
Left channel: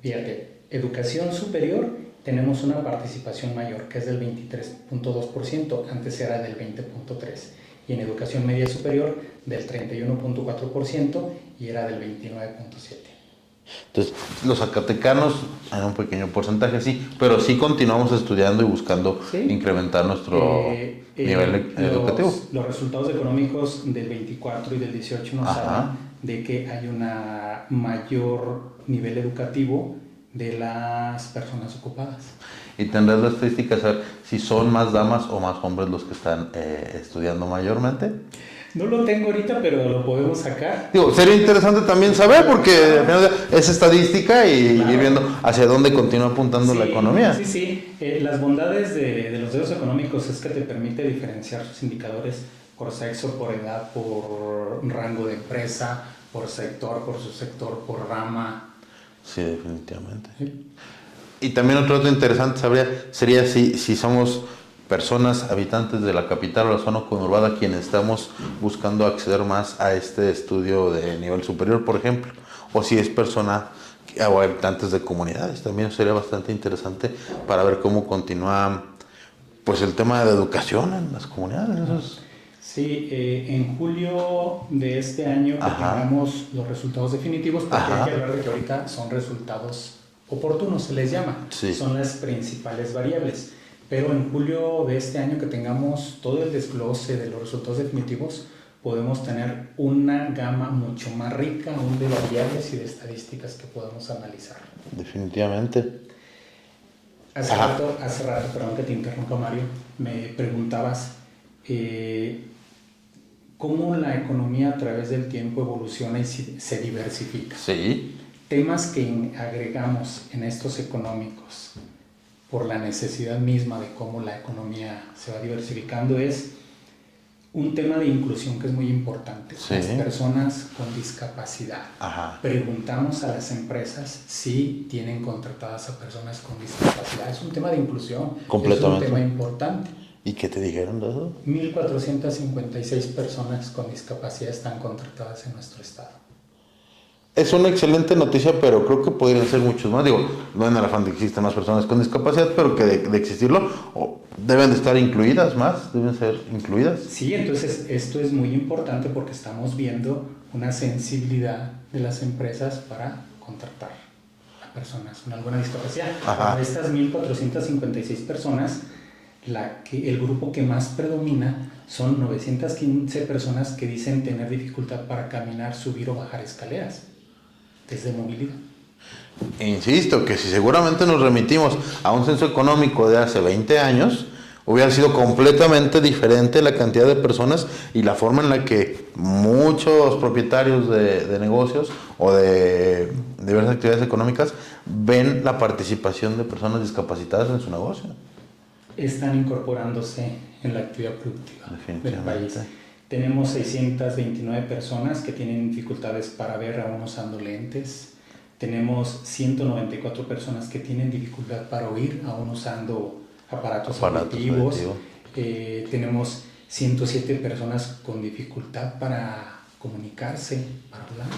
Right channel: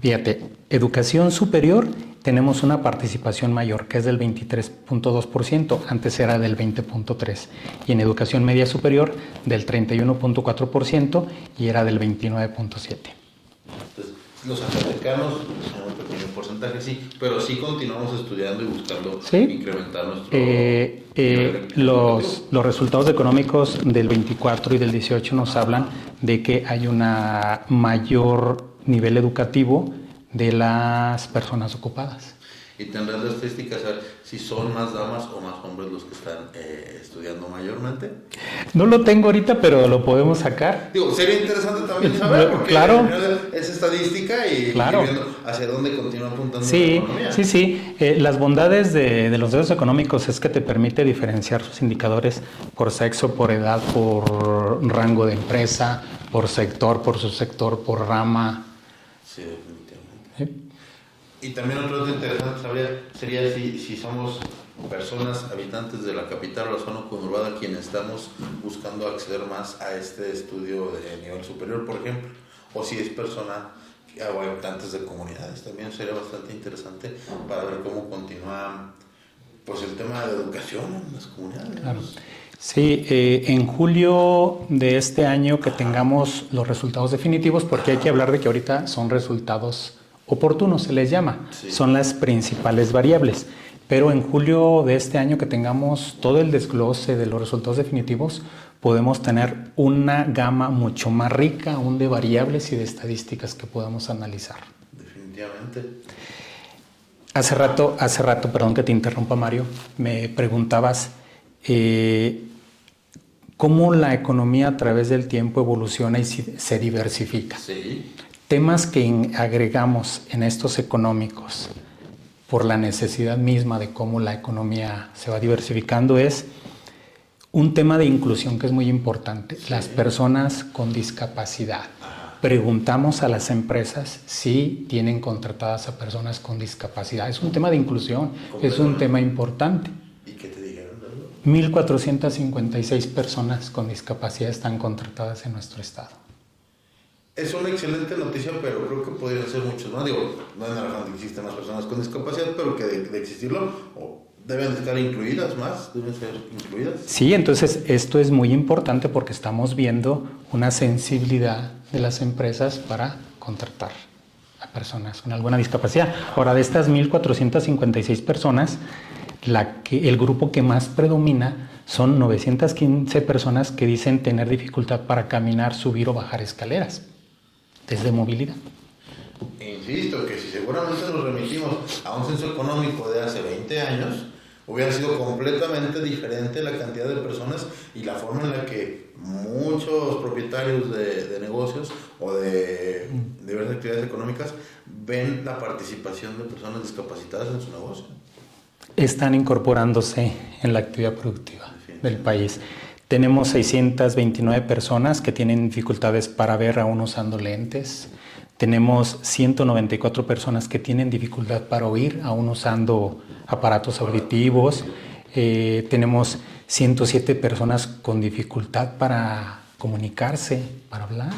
Fíjate, educación superior tenemos una participación mayor, que es del 23.2%, antes era del 20.3%. Y en educación media superior, del 31.4% y era del 29.7%. Entonces, los zacatecanos en un pequeño porcentaje sí, pero sí continuamos estudiando y buscando incrementar nuestro nivel educativo. Los resultados económicos del 24 y del 18 nos hablan de que hay un mayor nivel educativo de las personas ocupadas. Y tendrás las estadísticas a ver si son más damas o más hombres los que están estudiando mayormente. No lo tengo ahorita, pero lo podemos sacar. Digo, sería interesante también saber, porque es estadística y viendo hacia dónde continúa apuntando la economía. Sí. Las bondades de los datos económicos es que te permite diferenciar sus indicadores por sexo, por edad, por rango de empresa, por sector, por subsector, por rama. Sí, definitivamente. Sí. Y también otro dato interesante sería si somos personas habitantes de la capital o la zona conurbada quienes estamos buscando acceder más a este estudio de nivel superior, por ejemplo, o si es persona o habitantes de comunidades. También sería bastante interesante para ver cómo continúa pues el tema de educación en las comunidades. Sí, en julio de este año que tengamos los resultados definitivos, porque hay que hablar de que ahorita son resultados oportunos, se les llama, son las principales variables. Pero en julio de este año que tengamos todo el desglose de los resultados definitivos, podemos tener una gama mucho más rica aún de variables y de estadísticas que podamos analizar. Definitivamente. Hace rato, perdón que te interrumpa, Mario, me preguntabas cómo la economía a través del tiempo evoluciona y se diversifica. Sí. Temas que agregamos en estos económicos por la necesidad misma de cómo la economía se va diversificando es un tema de inclusión que es muy importante. Sí. Las personas con discapacidad. Preguntamos a las empresas si tienen contratadas a personas con discapacidad. Es un tema de inclusión, es un tema importante. ¿Y qué te dijeron de eso? 1,456 personas con discapacidad están contratadas en nuestro estado. es una excelente noticia, pero creo que podrían ser muchos más. Digo, no en el afán de que existan más personas con discapacidad, pero que de existirlo, deben de estar incluidas más, deben ser incluidas. Sí, entonces esto es muy importante porque estamos viendo una sensibilidad de las empresas para contratar a personas con alguna discapacidad. Ajá. Ahora, de estas 1,456 personas, el grupo que más predomina son 915 personas que dicen tener dificultad para caminar, subir o bajar escaleras desde movilidad. Insisto, que si seguramente nos remitimos a un censo económico de hace 20 años, hubiera sido completamente diferente la cantidad de personas y la forma en la que muchos propietarios de negocios o de diversas actividades económicas ven la participación de personas discapacitadas en su negocio. Están incorporándose en la actividad productiva del país. Tenemos 629 personas que tienen dificultades para ver aún usando lentes. Tenemos 194 personas que tienen dificultad para oír aún usando aparatos auditivos. Tenemos 107 personas con dificultad para comunicarse, para hablar.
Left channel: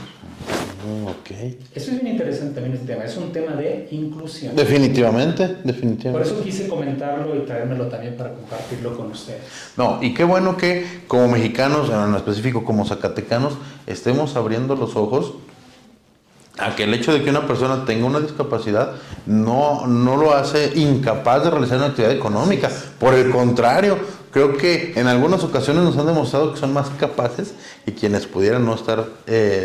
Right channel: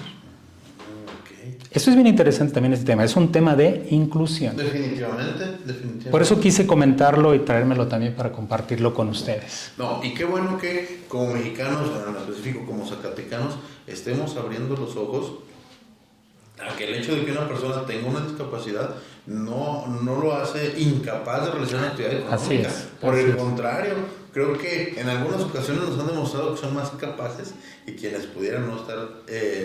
Okay. Eso es bien interesante también este tema. Es un tema de inclusión. Definitivamente. Por eso quise comentarlo y traérmelo también para compartirlo con ustedes. No, y qué bueno que como mexicanos, en lo específico como zacatecanos, estemos abriendo los ojos a que el hecho de que una persona tenga una discapacidad no lo hace incapaz de realizar una actividad económica. Por el contrario, creo que en algunas ocasiones nos han demostrado que son más capaces y quienes pudieran no estar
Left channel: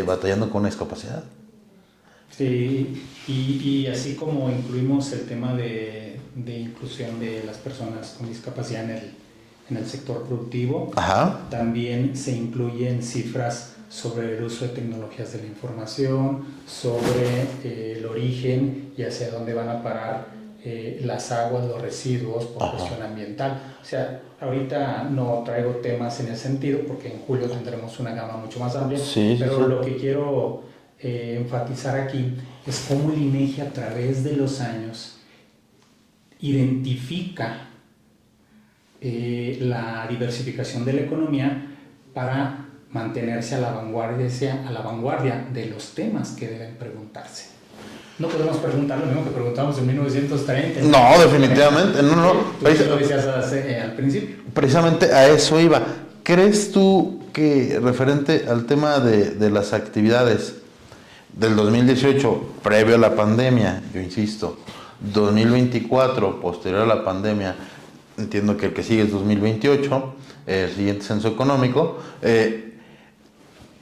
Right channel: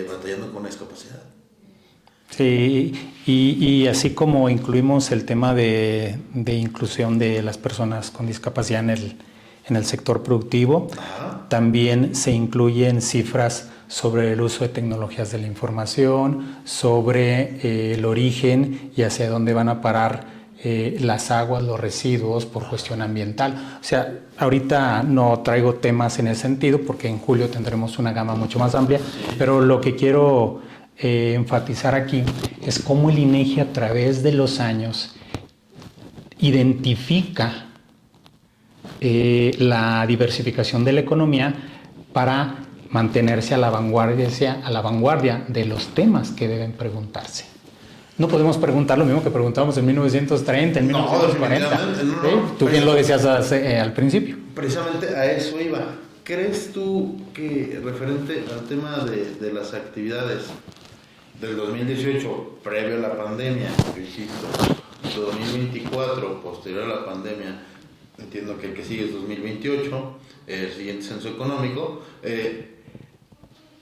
batallando con una discapacidad. Sí, y así como incluimos el tema de inclusión de las personas con discapacidad en el sector productivo, Ajá. También se incluyen cifras sobre el uso de tecnologías de la información, sobre el origen y hacia dónde van a parar las aguas, los residuos por cuestión ambiental. O sea, ahorita no traigo temas en ese sentido porque en julio tendremos una gama mucho más amplia, pero lo que quiero enfatizar aquí es cómo el INEGI a través de los años identifica la diversificación de la economía para mantenerse a la vanguardia de los temas que deben preguntarse. No podemos preguntar lo mismo que preguntábamos en 1930. No, definitivamente. No. Tú bien lo decías al principio. Precisamente a eso iba. ¿Crees tú que referente al tema de las actividades del 2018, previo a la pandemia, yo insisto, 2024, posterior a la pandemia, entiendo que el que sigue es 2028, el siguiente censo económico,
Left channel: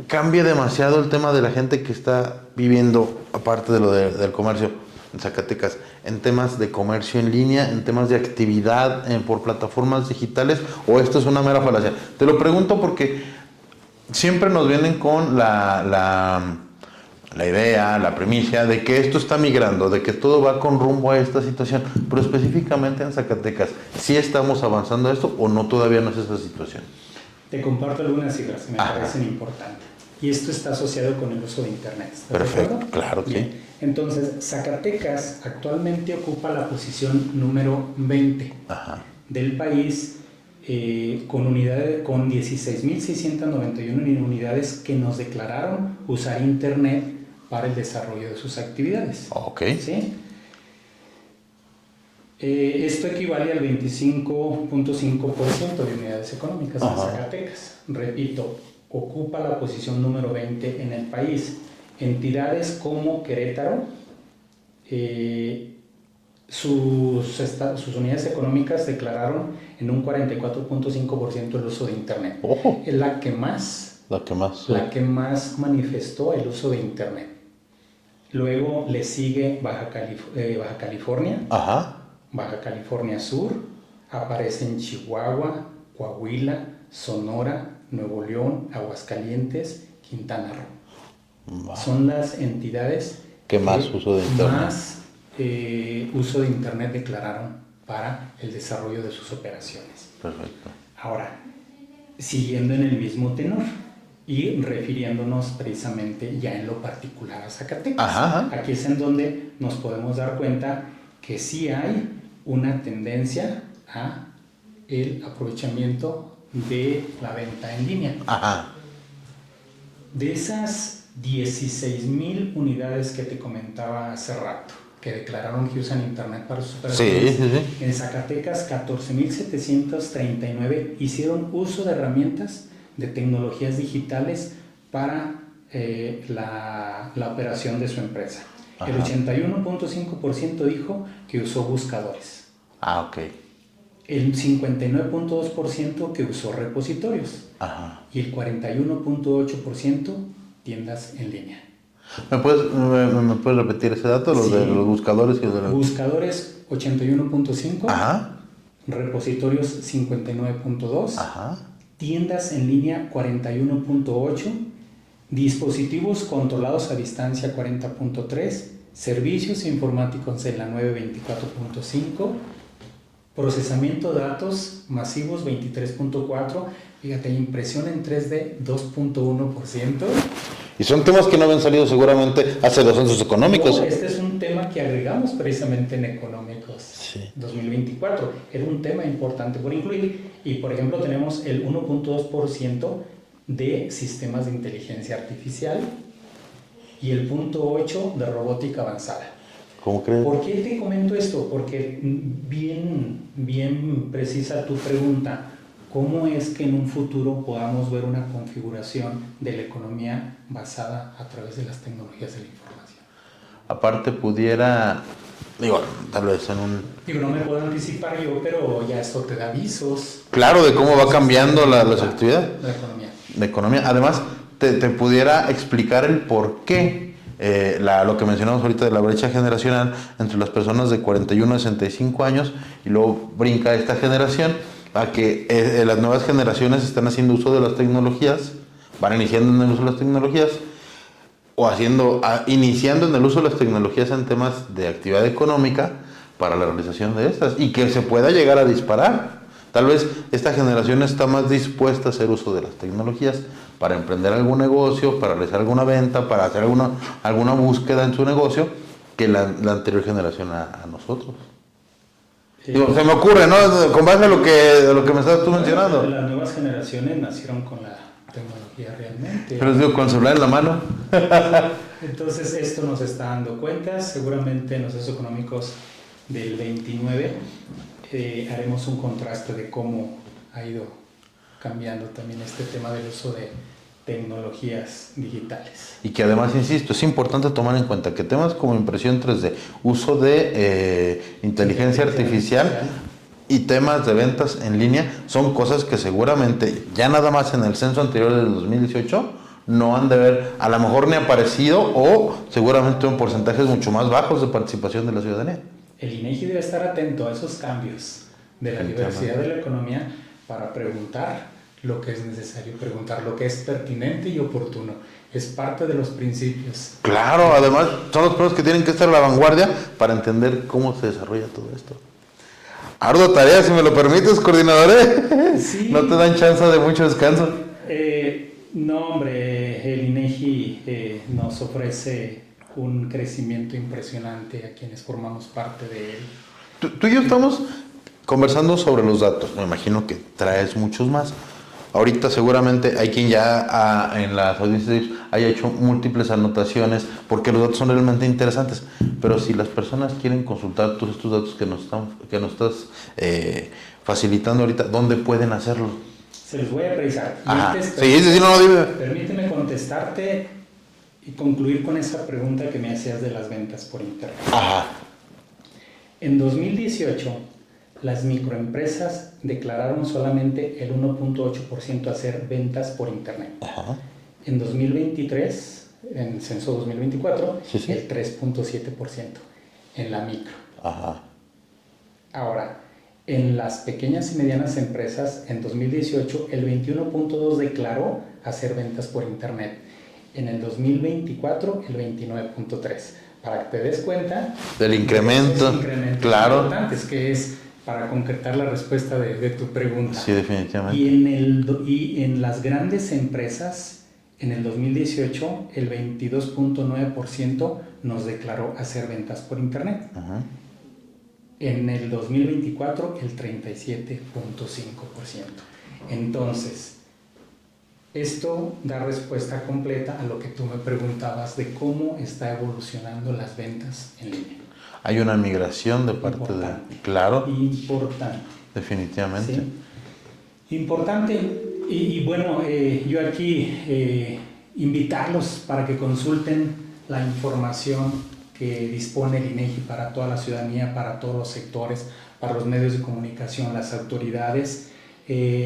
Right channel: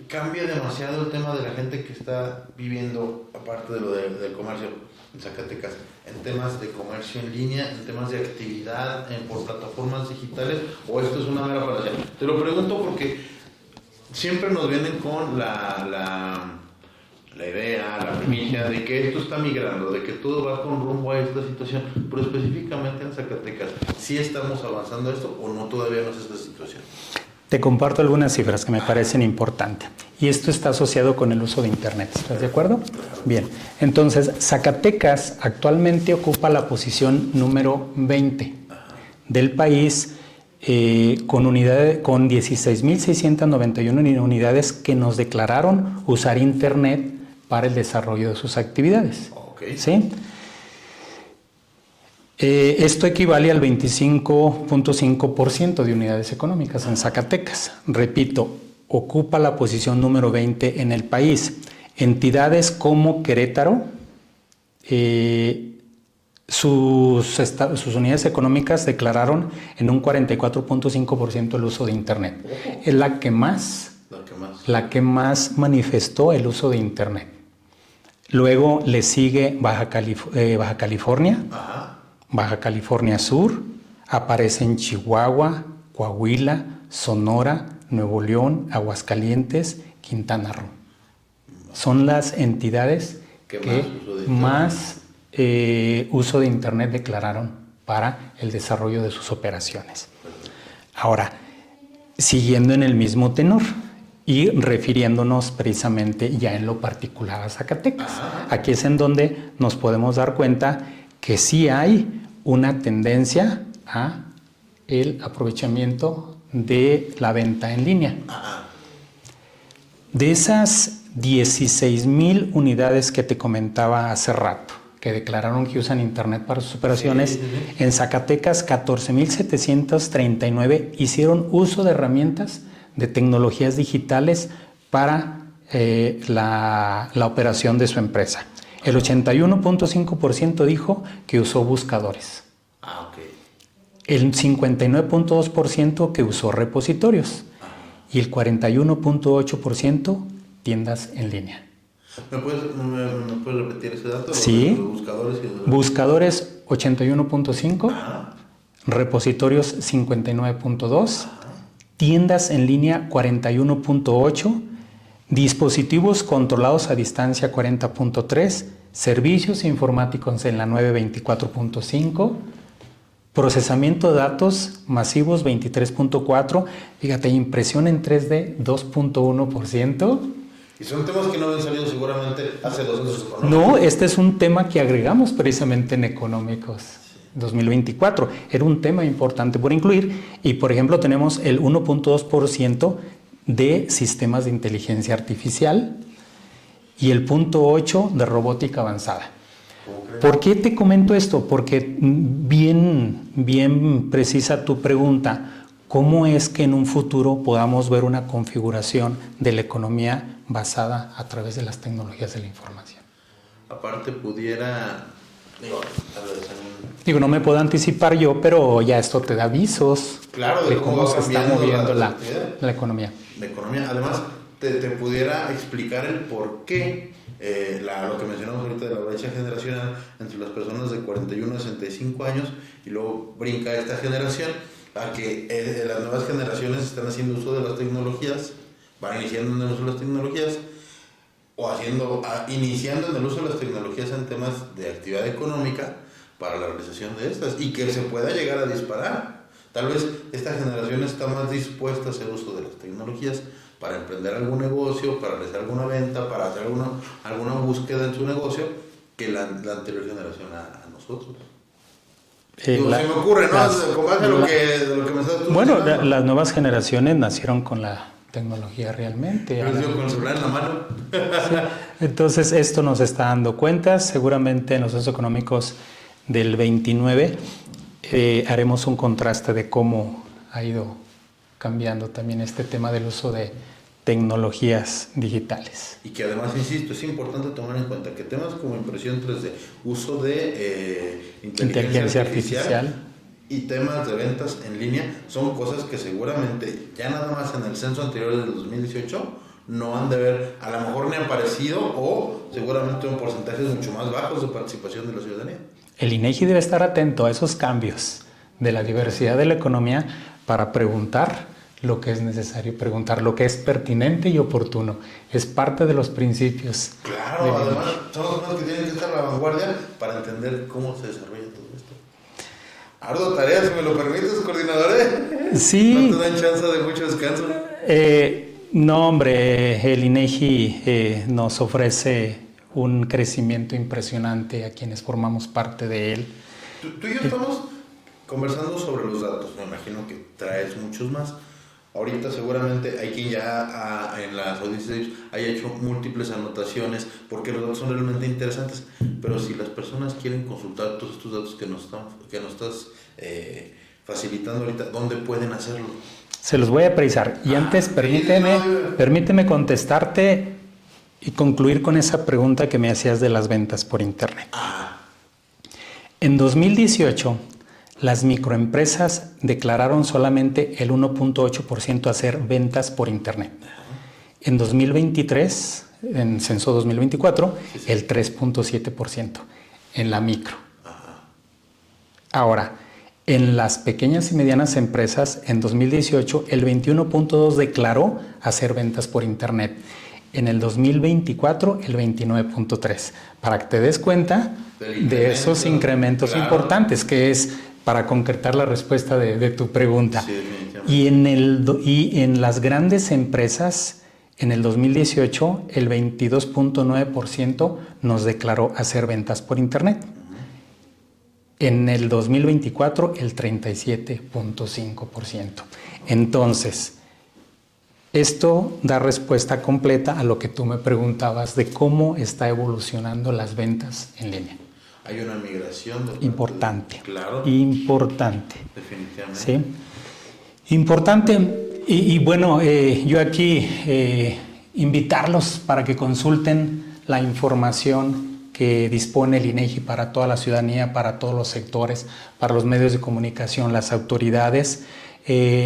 cambia demasiado el tema de la gente que está viviendo, aparte de lo del comercio en Zacatecas, en temas de comercio en línea, en temas de actividad por plataformas digitales, o esto es una mera falacia? Te lo pregunto porque siempre nos vienen con la idea, la primicia de que esto está migrando, de que todo va con rumbo a esta situación, pero específicamente en Zacatecas, ¿sí estamos avanzando a esto o no todavía no es esa situación? Te comparto algunas cifras que me parecen importantes. Y esto está asociado con el uso de Internet. ¿Estás de acuerdo? Claro. Bien. Entonces, Zacatecas actualmente ocupa la posición número 20 del país con 16.691 unidades que nos declararon usar Internet para el desarrollo de sus actividades. Ok. ¿Sí? Esto equivale al 25.5% de unidades económicas en Zacatecas. Repito, ocupa la posición número 20 en el país. Entidades como Querétaro, sus unidades económicas declararon en un 44.5% el uso de Internet. Es la que más manifestó el uso de Internet. Luego le sigue Baja California. Baja California Sur, aparece en Chihuahua, Coahuila, Sonora, Nuevo León, Aguascalientes, Quintana Roo. Son las entidades que más uso de Internet declararon para el desarrollo de sus operaciones. Perfecto. Ahora, siguiendo en el mismo tenor y refiriéndonos precisamente ya en lo particular a Zacatecas. Aquí es en donde nos podemos dar cuenta que sí hay una tendencia a el aprovechamiento de la venta en línea. De esas 16,000 unidades que te comentaba hace rato, que declararon que usan Internet para sus operaciones, en Zacatecas 14,739 hicieron uso de herramientas de tecnologías digitales para la operación de su empresa. Ajá. El 81.5% dijo que usó buscadores. Ok. El 59.2% que usó repositorios. Ajá. Y el 41.8% tiendas en línea. ¿Me puedes repetir ese dato? Sí. De los buscadores. Buscadores 81.5. Ajá. Repositorios 59.2. Ajá. Tiendas en línea 41.8. Dispositivos controlados a distancia 40.3. Servicios informáticos en la 924.5. Procesamiento de datos masivos 23.4. Fíjate, impresión en 3D 2.1%. Y son temas que no habían salido seguramente hace los censos económicos. No, este es un tema que agregamos precisamente en Económicos 2024. Era un tema importante por incluir. Y, por ejemplo, tenemos el 1.2% de sistemas de inteligencia artificial y el 0.8% de robótica avanzada. ¿Cómo crees? ¿Por qué te comento esto? Porque bien precisa tu pregunta. ¿Cómo es que en un futuro podamos ver una configuración de la economía basada a través de las tecnologías de la información? Aparte pudiera, tal vez en un... no me puedo anticipar yo, pero ya esto te da avisos. Claro, de cómo va cambiando la actividad. La economía. La economía. Además, te pudiera explicar el por qué lo que mencionamos ahorita de la brecha generacional entre las personas de 41 a 65 años y luego brinca esta generación a que las nuevas generaciones están haciendo uso de las tecnologías, van iniciando en el uso de las tecnologías o iniciando en el uso de las tecnologías en temas de actividad económica para la realización de estas y que se pueda llegar a disparar. Tal vez esta generación está más dispuesta a hacer uso de las tecnologías para emprender algún negocio, para realizar alguna venta, para hacer alguna búsqueda en su negocio que la anterior generación a nosotros. Se me ocurre, ¿no? Con base a lo que me estás tú mencionando. Bueno, las nuevas generaciones nacieron con la tecnología realmente. Pero con el celular en la mano. Entonces, esto nos está dando cuenta. Seguramente en los censos económicos del 29 haremos un contraste de cómo ha ido cambiando también este tema del uso de tecnologías digitales. Y que además, insisto, es importante tomar en cuenta que temas como impresión 3D, uso de inteligencia artificial y temas de ventas en línea son cosas que seguramente ya nada más en el censo anterior del 2018 no han de haber, a lo mejor ni aparecido o seguramente en porcentajes mucho más bajos de participación de la ciudadanía. El INEGI debe estar atento a esos cambios de la diversidad de la economía para preguntar lo que es necesario preguntar, lo que es pertinente y oportuno. Es parte de los principios. Claro, además son los primeros que tienen que estar a la vanguardia para entender cómo se desarrolla todo esto. Ardua tarea, si me lo permites, coordinador. Sí. ¿No te dan chance de mucho descanso? No, hombre, el INEGI nos ofrece un crecimiento impresionante a quienes formamos parte de él. Tú y yo estamos conversando sobre los datos. Me imagino que traes muchos más. Ahorita seguramente hay quien ya en las audiencias haya hecho múltiples anotaciones porque los datos son realmente interesantes. Pero si las personas quieren consultar todos estos datos que nos estás facilitando ahorita, ¿dónde pueden hacerlo? Se los voy a precisar. Y antes, permíteme contestarte y concluir con esa pregunta que me hacías de las ventas por Internet. Ajá. En 2018... las microempresas declararon solamente el 1.8% hacer ventas por Internet. Ajá. En 2023, en censo 2024, el 3.7% en la micro. Ajá. Ahora, en las pequeñas y medianas empresas, en 2018, el 21.2% declaró hacer ventas por Internet. En el 2024, el 29.3%. Para que te des cuenta del incremento, de esos incrementos importantes, que es para concretar la respuesta de tu pregunta. Sí, definitivamente. Y en las grandes empresas, en el 2018, el 22.9% nos declaró hacer ventas por Internet. Uh-huh. En el 2024, el 37.5%. Entonces, Esto da respuesta completa a lo que tú me preguntabas de cómo está evolucionando las ventas en línea. Hay una migración de parte Importante. Claro. Importante. Definitivamente. Sí. Importante. Y bueno, yo aquí invitarlos para que consulten la información que dispone el INEGI para toda la ciudadanía, para todos los sectores, para los medios de comunicación, las autoridades.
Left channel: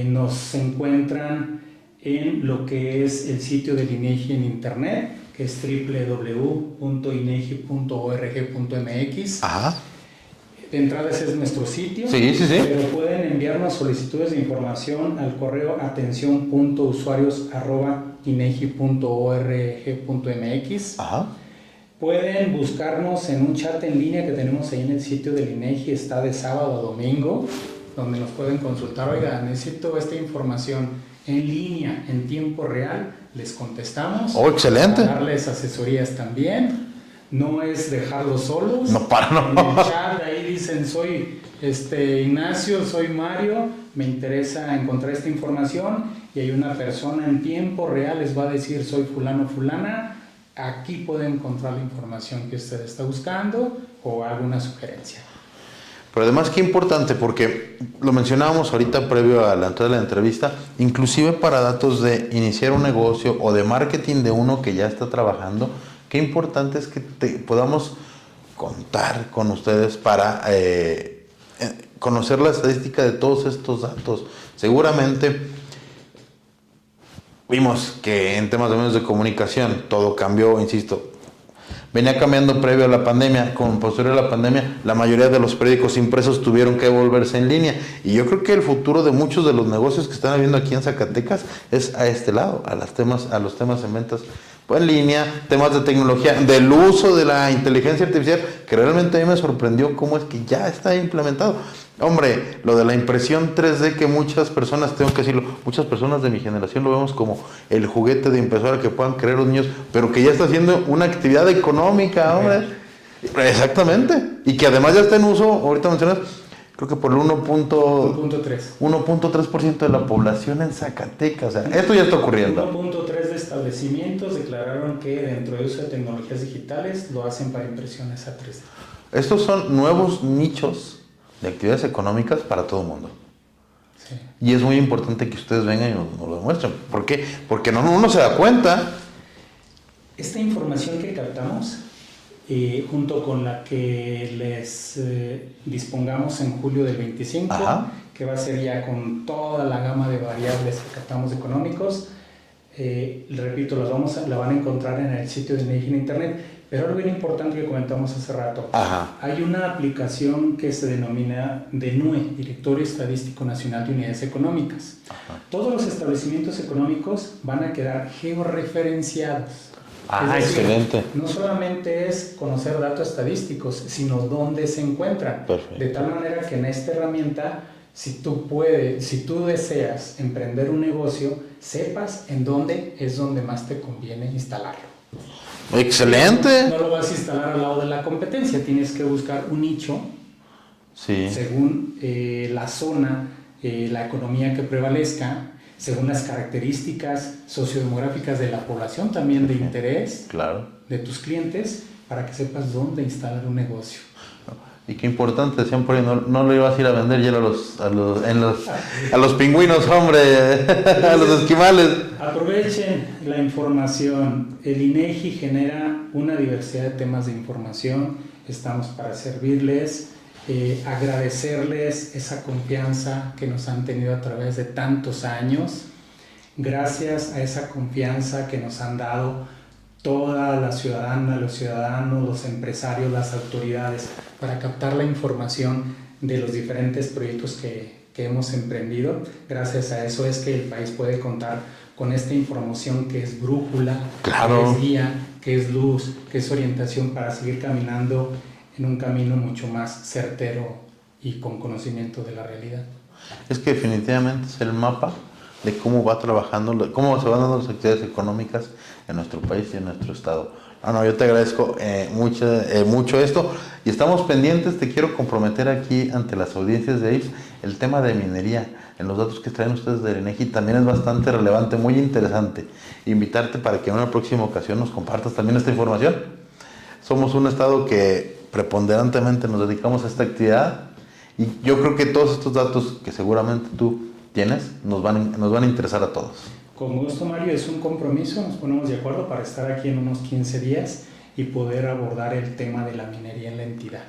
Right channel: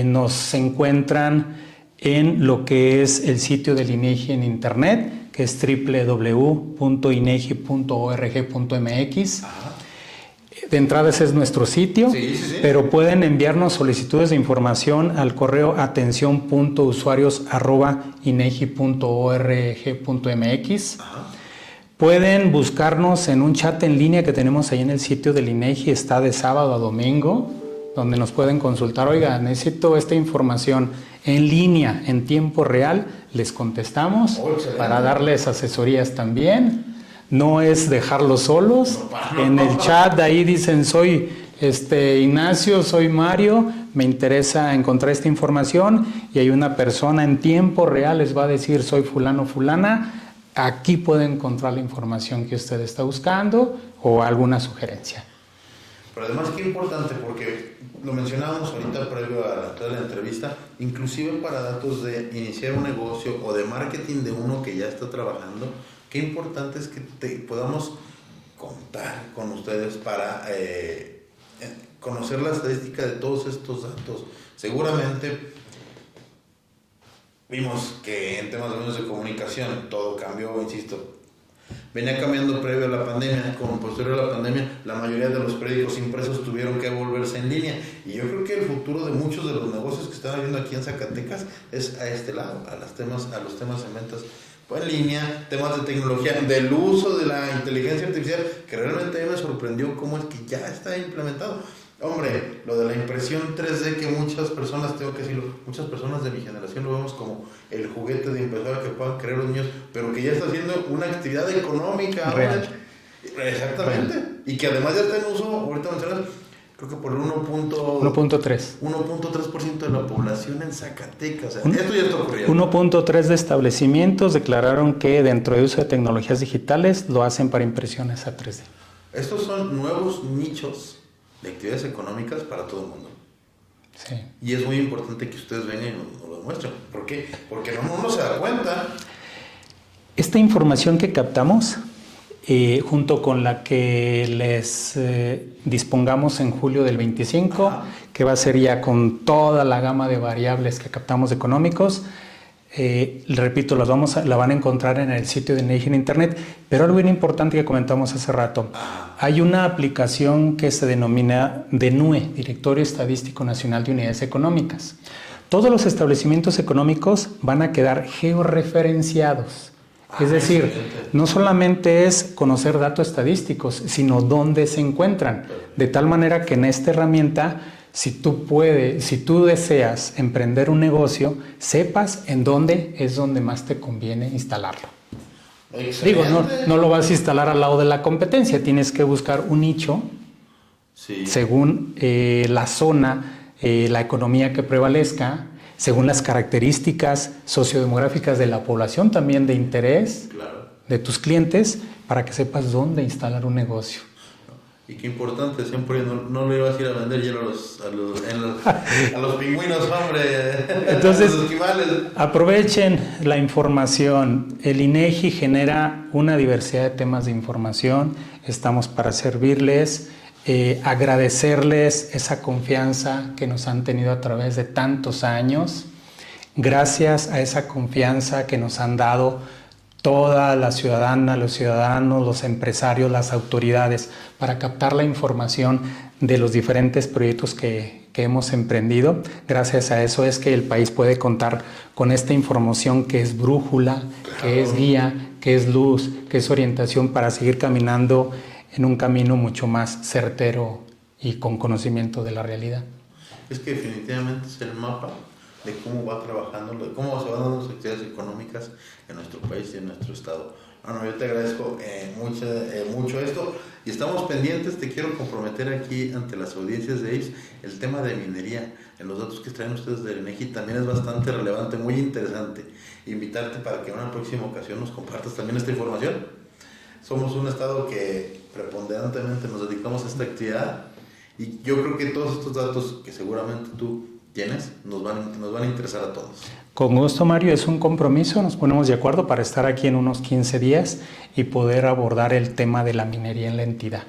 Nos encuentran en lo que es el sitio del INEGI en internet, que es www.inegi.org.mx. Ajá. De entrada ese es nuestro sitio, sí. pero pueden enviarnos solicitudes de información al correo atención.usuarios@inegi.org.mx. Ajá. Pueden buscarnos en un chat en línea que tenemos ahí en el sitio del INEGI, está de sábado a domingo, donde nos pueden consultar, oiga, necesito esta información en línea, en tiempo real, les contestamos. ¡Oh, excelente! Para darles asesorías también. No es dejarlos solos. No, En el chat ahí dicen, soy Ignacio, soy Mario, me interesa encontrar esta información, y hay una persona en tiempo real, les va a decir, soy fulano, fulana, aquí puede encontrar la información que usted está buscando o alguna sugerencia. Pero además qué importante, porque lo mencionábamos ahorita previo a la entrada de la entrevista, inclusive para datos de iniciar un negocio o de marketing de uno que ya está trabajando, qué importante es que podamos contar con ustedes para conocer la estadística de todos estos datos. Seguramente vimos que en temas de medios de comunicación todo cambió, insisto. Venía cambiando previo a la pandemia, con posterior a la pandemia, la mayoría de los periódicos impresos tuvieron que volverse en línea. Y yo creo que el futuro de muchos de los negocios que están habiendo aquí en Zacatecas es a este lado, a los temas en ventas en línea, temas de tecnología, del uso de la inteligencia artificial, que realmente a mí me sorprendió cómo es que ya está implementado. Hombre, lo de la impresión 3D que muchas personas, tengo que decirlo, muchas personas de mi generación lo vemos como el juguete de impresora que puedan creer los niños, pero que ya está haciendo una actividad económica ahora. Exactamente. Y que además ya está en uso, ahorita mencionas, creo que por el 1.3% de la población en Zacatecas. O sea, esto ya está ocurriendo. 1.3 de establecimientos declararon que dentro de uso de tecnologías digitales lo hacen para impresiones a 3D. Estos son nuevos nichos de actividades económicas para todo el mundo. Sí. Y es muy importante que ustedes vengan y nos lo demuestren. ¿Por qué? Porque uno se da cuenta. Esta información que captamos, junto con la que les dispongamos en julio del 25, Ajá. que va a ser ya con toda la gama de variables que captamos económicos, repito, la van a encontrar en el sitio de INEGI en internet. Pero algo bien importante que comentamos hace rato, Ajá. hay una aplicación que se denomina DENUE, Directorio Estadístico Nacional de Unidades Económicas. Todos los establecimientos económicos van a quedar georreferenciados. Es decir, excelente. no solamente es conocer datos estadísticos, sino dónde se encuentran. Perfecto. De tal manera que en esta herramienta, si tú deseas emprender un negocio, sepas en dónde es donde más te conviene instalarlo. Excelente. Digo, no lo vas a instalar al lado de la competencia, tienes que buscar un nicho Sí. según la zona, la economía que prevalezca, según las características sociodemográficas de la población, también de interés, Claro. de tus clientes, para que sepas dónde instalar un negocio. Y qué importante, decían por ahí, no lo ibas a ir a vender ya a los pingüinos, hombre, a los esquimales. Aprovechen la información. El INEGI genera una diversidad de temas de información. Estamos para servirles, agradecerles esa confianza que nos han tenido a través de tantos años. Gracias a esa confianza que nos han dado toda la ciudadana, los ciudadanos, los empresarios, las autoridades, para captar la información de los diferentes proyectos que hemos emprendido. Gracias a eso es que el país puede contar con esta información que es brújula, Claro. que es guía, que es luz, que es orientación para seguir caminando en un camino mucho más certero y con conocimiento de la realidad. Es que definitivamente es el mapa de cómo va trabajando, cómo se van dando las actividades económicas en nuestro país y en nuestro estado. Yo te agradezco mucho esto y estamos pendientes. Te quiero comprometer aquí ante las audiencias de IPS el tema de minería. en los datos que traen ustedes del INEGI también es bastante relevante, muy interesante. Invitarte para que en una próxima ocasión nos compartas también esta información. Somos un estado que preponderantemente nos dedicamos a esta actividad y yo creo que todos estos datos que seguramente tú tienes nos van a interesar a todos. Con gusto, Mario, es un compromiso, nos ponemos de acuerdo para estar aquí en unos 15 días y poder abordar el tema de la minería en la entidad.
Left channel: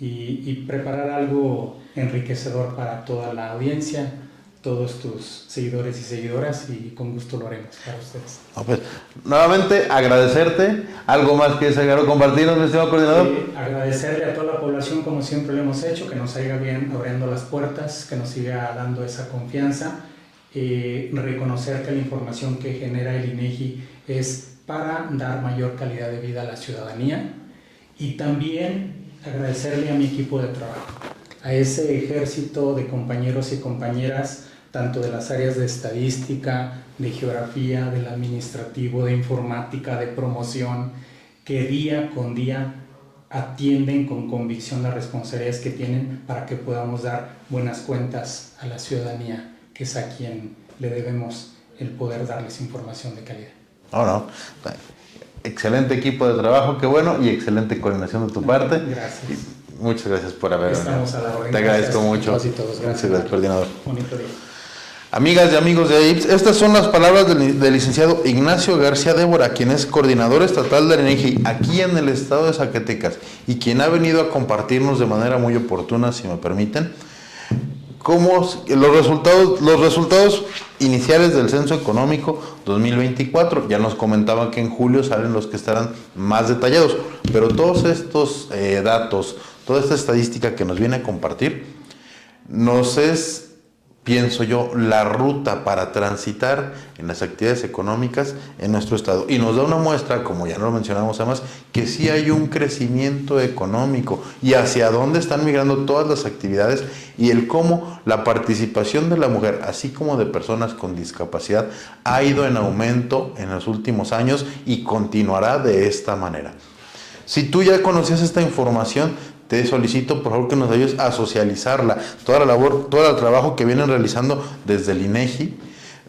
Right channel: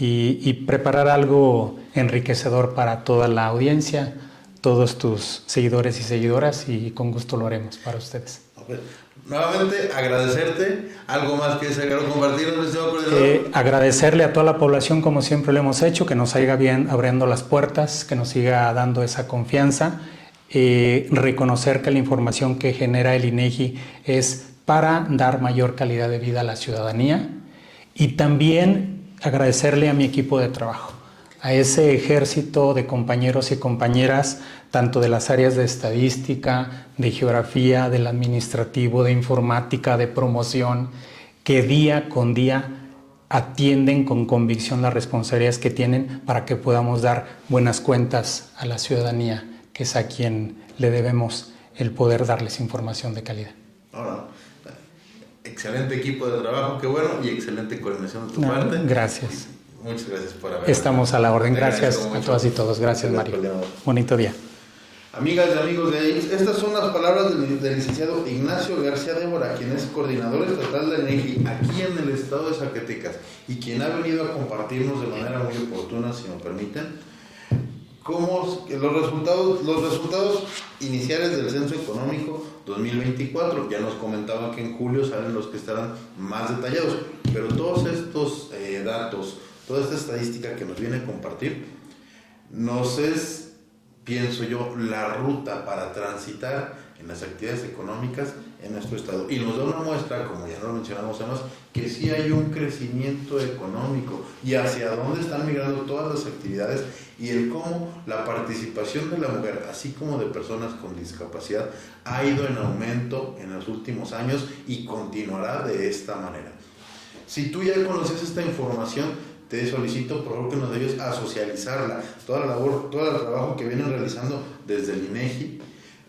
Y preparar algo enriquecedor para toda la audiencia, todos tus seguidores y seguidoras, y con gusto lo haremos para ustedes. Pues, nuevamente agradecerte. ¿Algo más quieres agregar o compartirnos, mi estimado coordinador? Agradecerle a toda la población, como siempre lo hemos hecho, que nos siga bien abriendo las puertas, que nos siga dando esa confianza, reconocer que la información que genera el INEGI es para dar mayor calidad de vida a la ciudadanía, y también agradecerle a mi equipo de trabajo, a ese ejército de compañeros y compañeras, tanto de las áreas de estadística, de geografía, del administrativo, de informática, de promoción, que día con día atienden con convicción las responsabilidades que tienen para que podamos dar buenas cuentas a la ciudadanía, que es a quien le debemos el poder darles información de calidad. No. Excelente equipo de trabajo, qué bueno, y excelente coordinación de tu parte. Gracias. Muchas gracias por haber. Estamos a la orden. Te Gracias agradezco mucho. a todas y todos. Gracias, Mario. Coordinador. Bonito día. Amigas y amigos de AIPS, estas son las palabras del licenciado Ignacio García Débora, quien es coordinador estatal del INEGI aquí en el estado de Zacatecas y quien ha venido a compartirnos de manera muy oportuna, si me permiten, los resultados iniciales del Censo Económico 2024. Ya nos comentaban que en julio salen los que estarán más detallados, pero todos estos datos, toda esta estadística que nos viene a compartir, nos es, pienso yo, la ruta para transitar en las actividades económicas en nuestro estado. Y nos da una muestra, como ya lo mencionamos además, que sí hay un crecimiento económico y hacia dónde están migrando todas las actividades y el cómo la participación de la mujer, así como de personas con discapacidad, ha ido en aumento en los últimos años y continuará de esta manera. Si tú ya conocías esta información, te solicito por favor que nos ayudes a socializarla, toda la labor, todo el trabajo que vienen realizando desde el INEGI,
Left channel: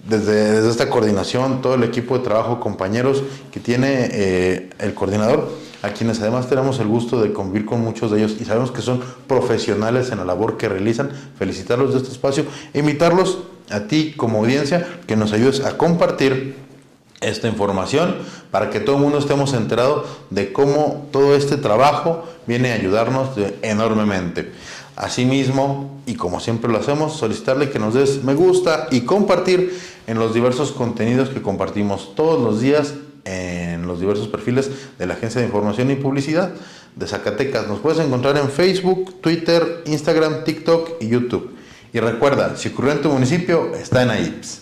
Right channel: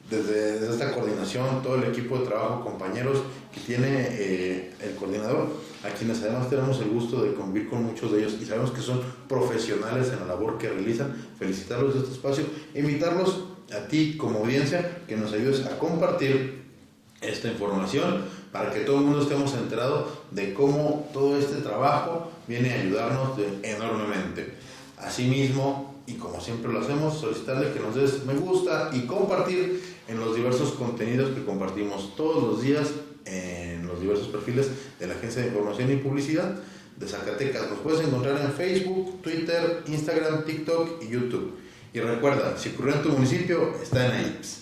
desde esta coordinación, todo el equipo de trabajo, compañeros que tiene el coordinador, a quienes además tenemos el gusto de convivir con muchos de ellos y sabemos que son profesionales en la labor que realizan. Felicitarlos de este espacio e invitarlos a ti como audiencia que nos ayudes a compartir esta información para que todo el mundo estemos enterados de cómo todo este trabajo viene a ayudarnos enormemente. Asimismo, y como siempre lo hacemos, solicitarle que nos des me gusta y compartir en los diversos contenidos que compartimos todos los días en los diversos perfiles de la Agencia de Información y Publicidad de Zacatecas. Nos puedes encontrar en Facebook, Twitter, Instagram, TikTok y YouTube. Y recuerda, si ocurrió en tu municipio, está en AIPS.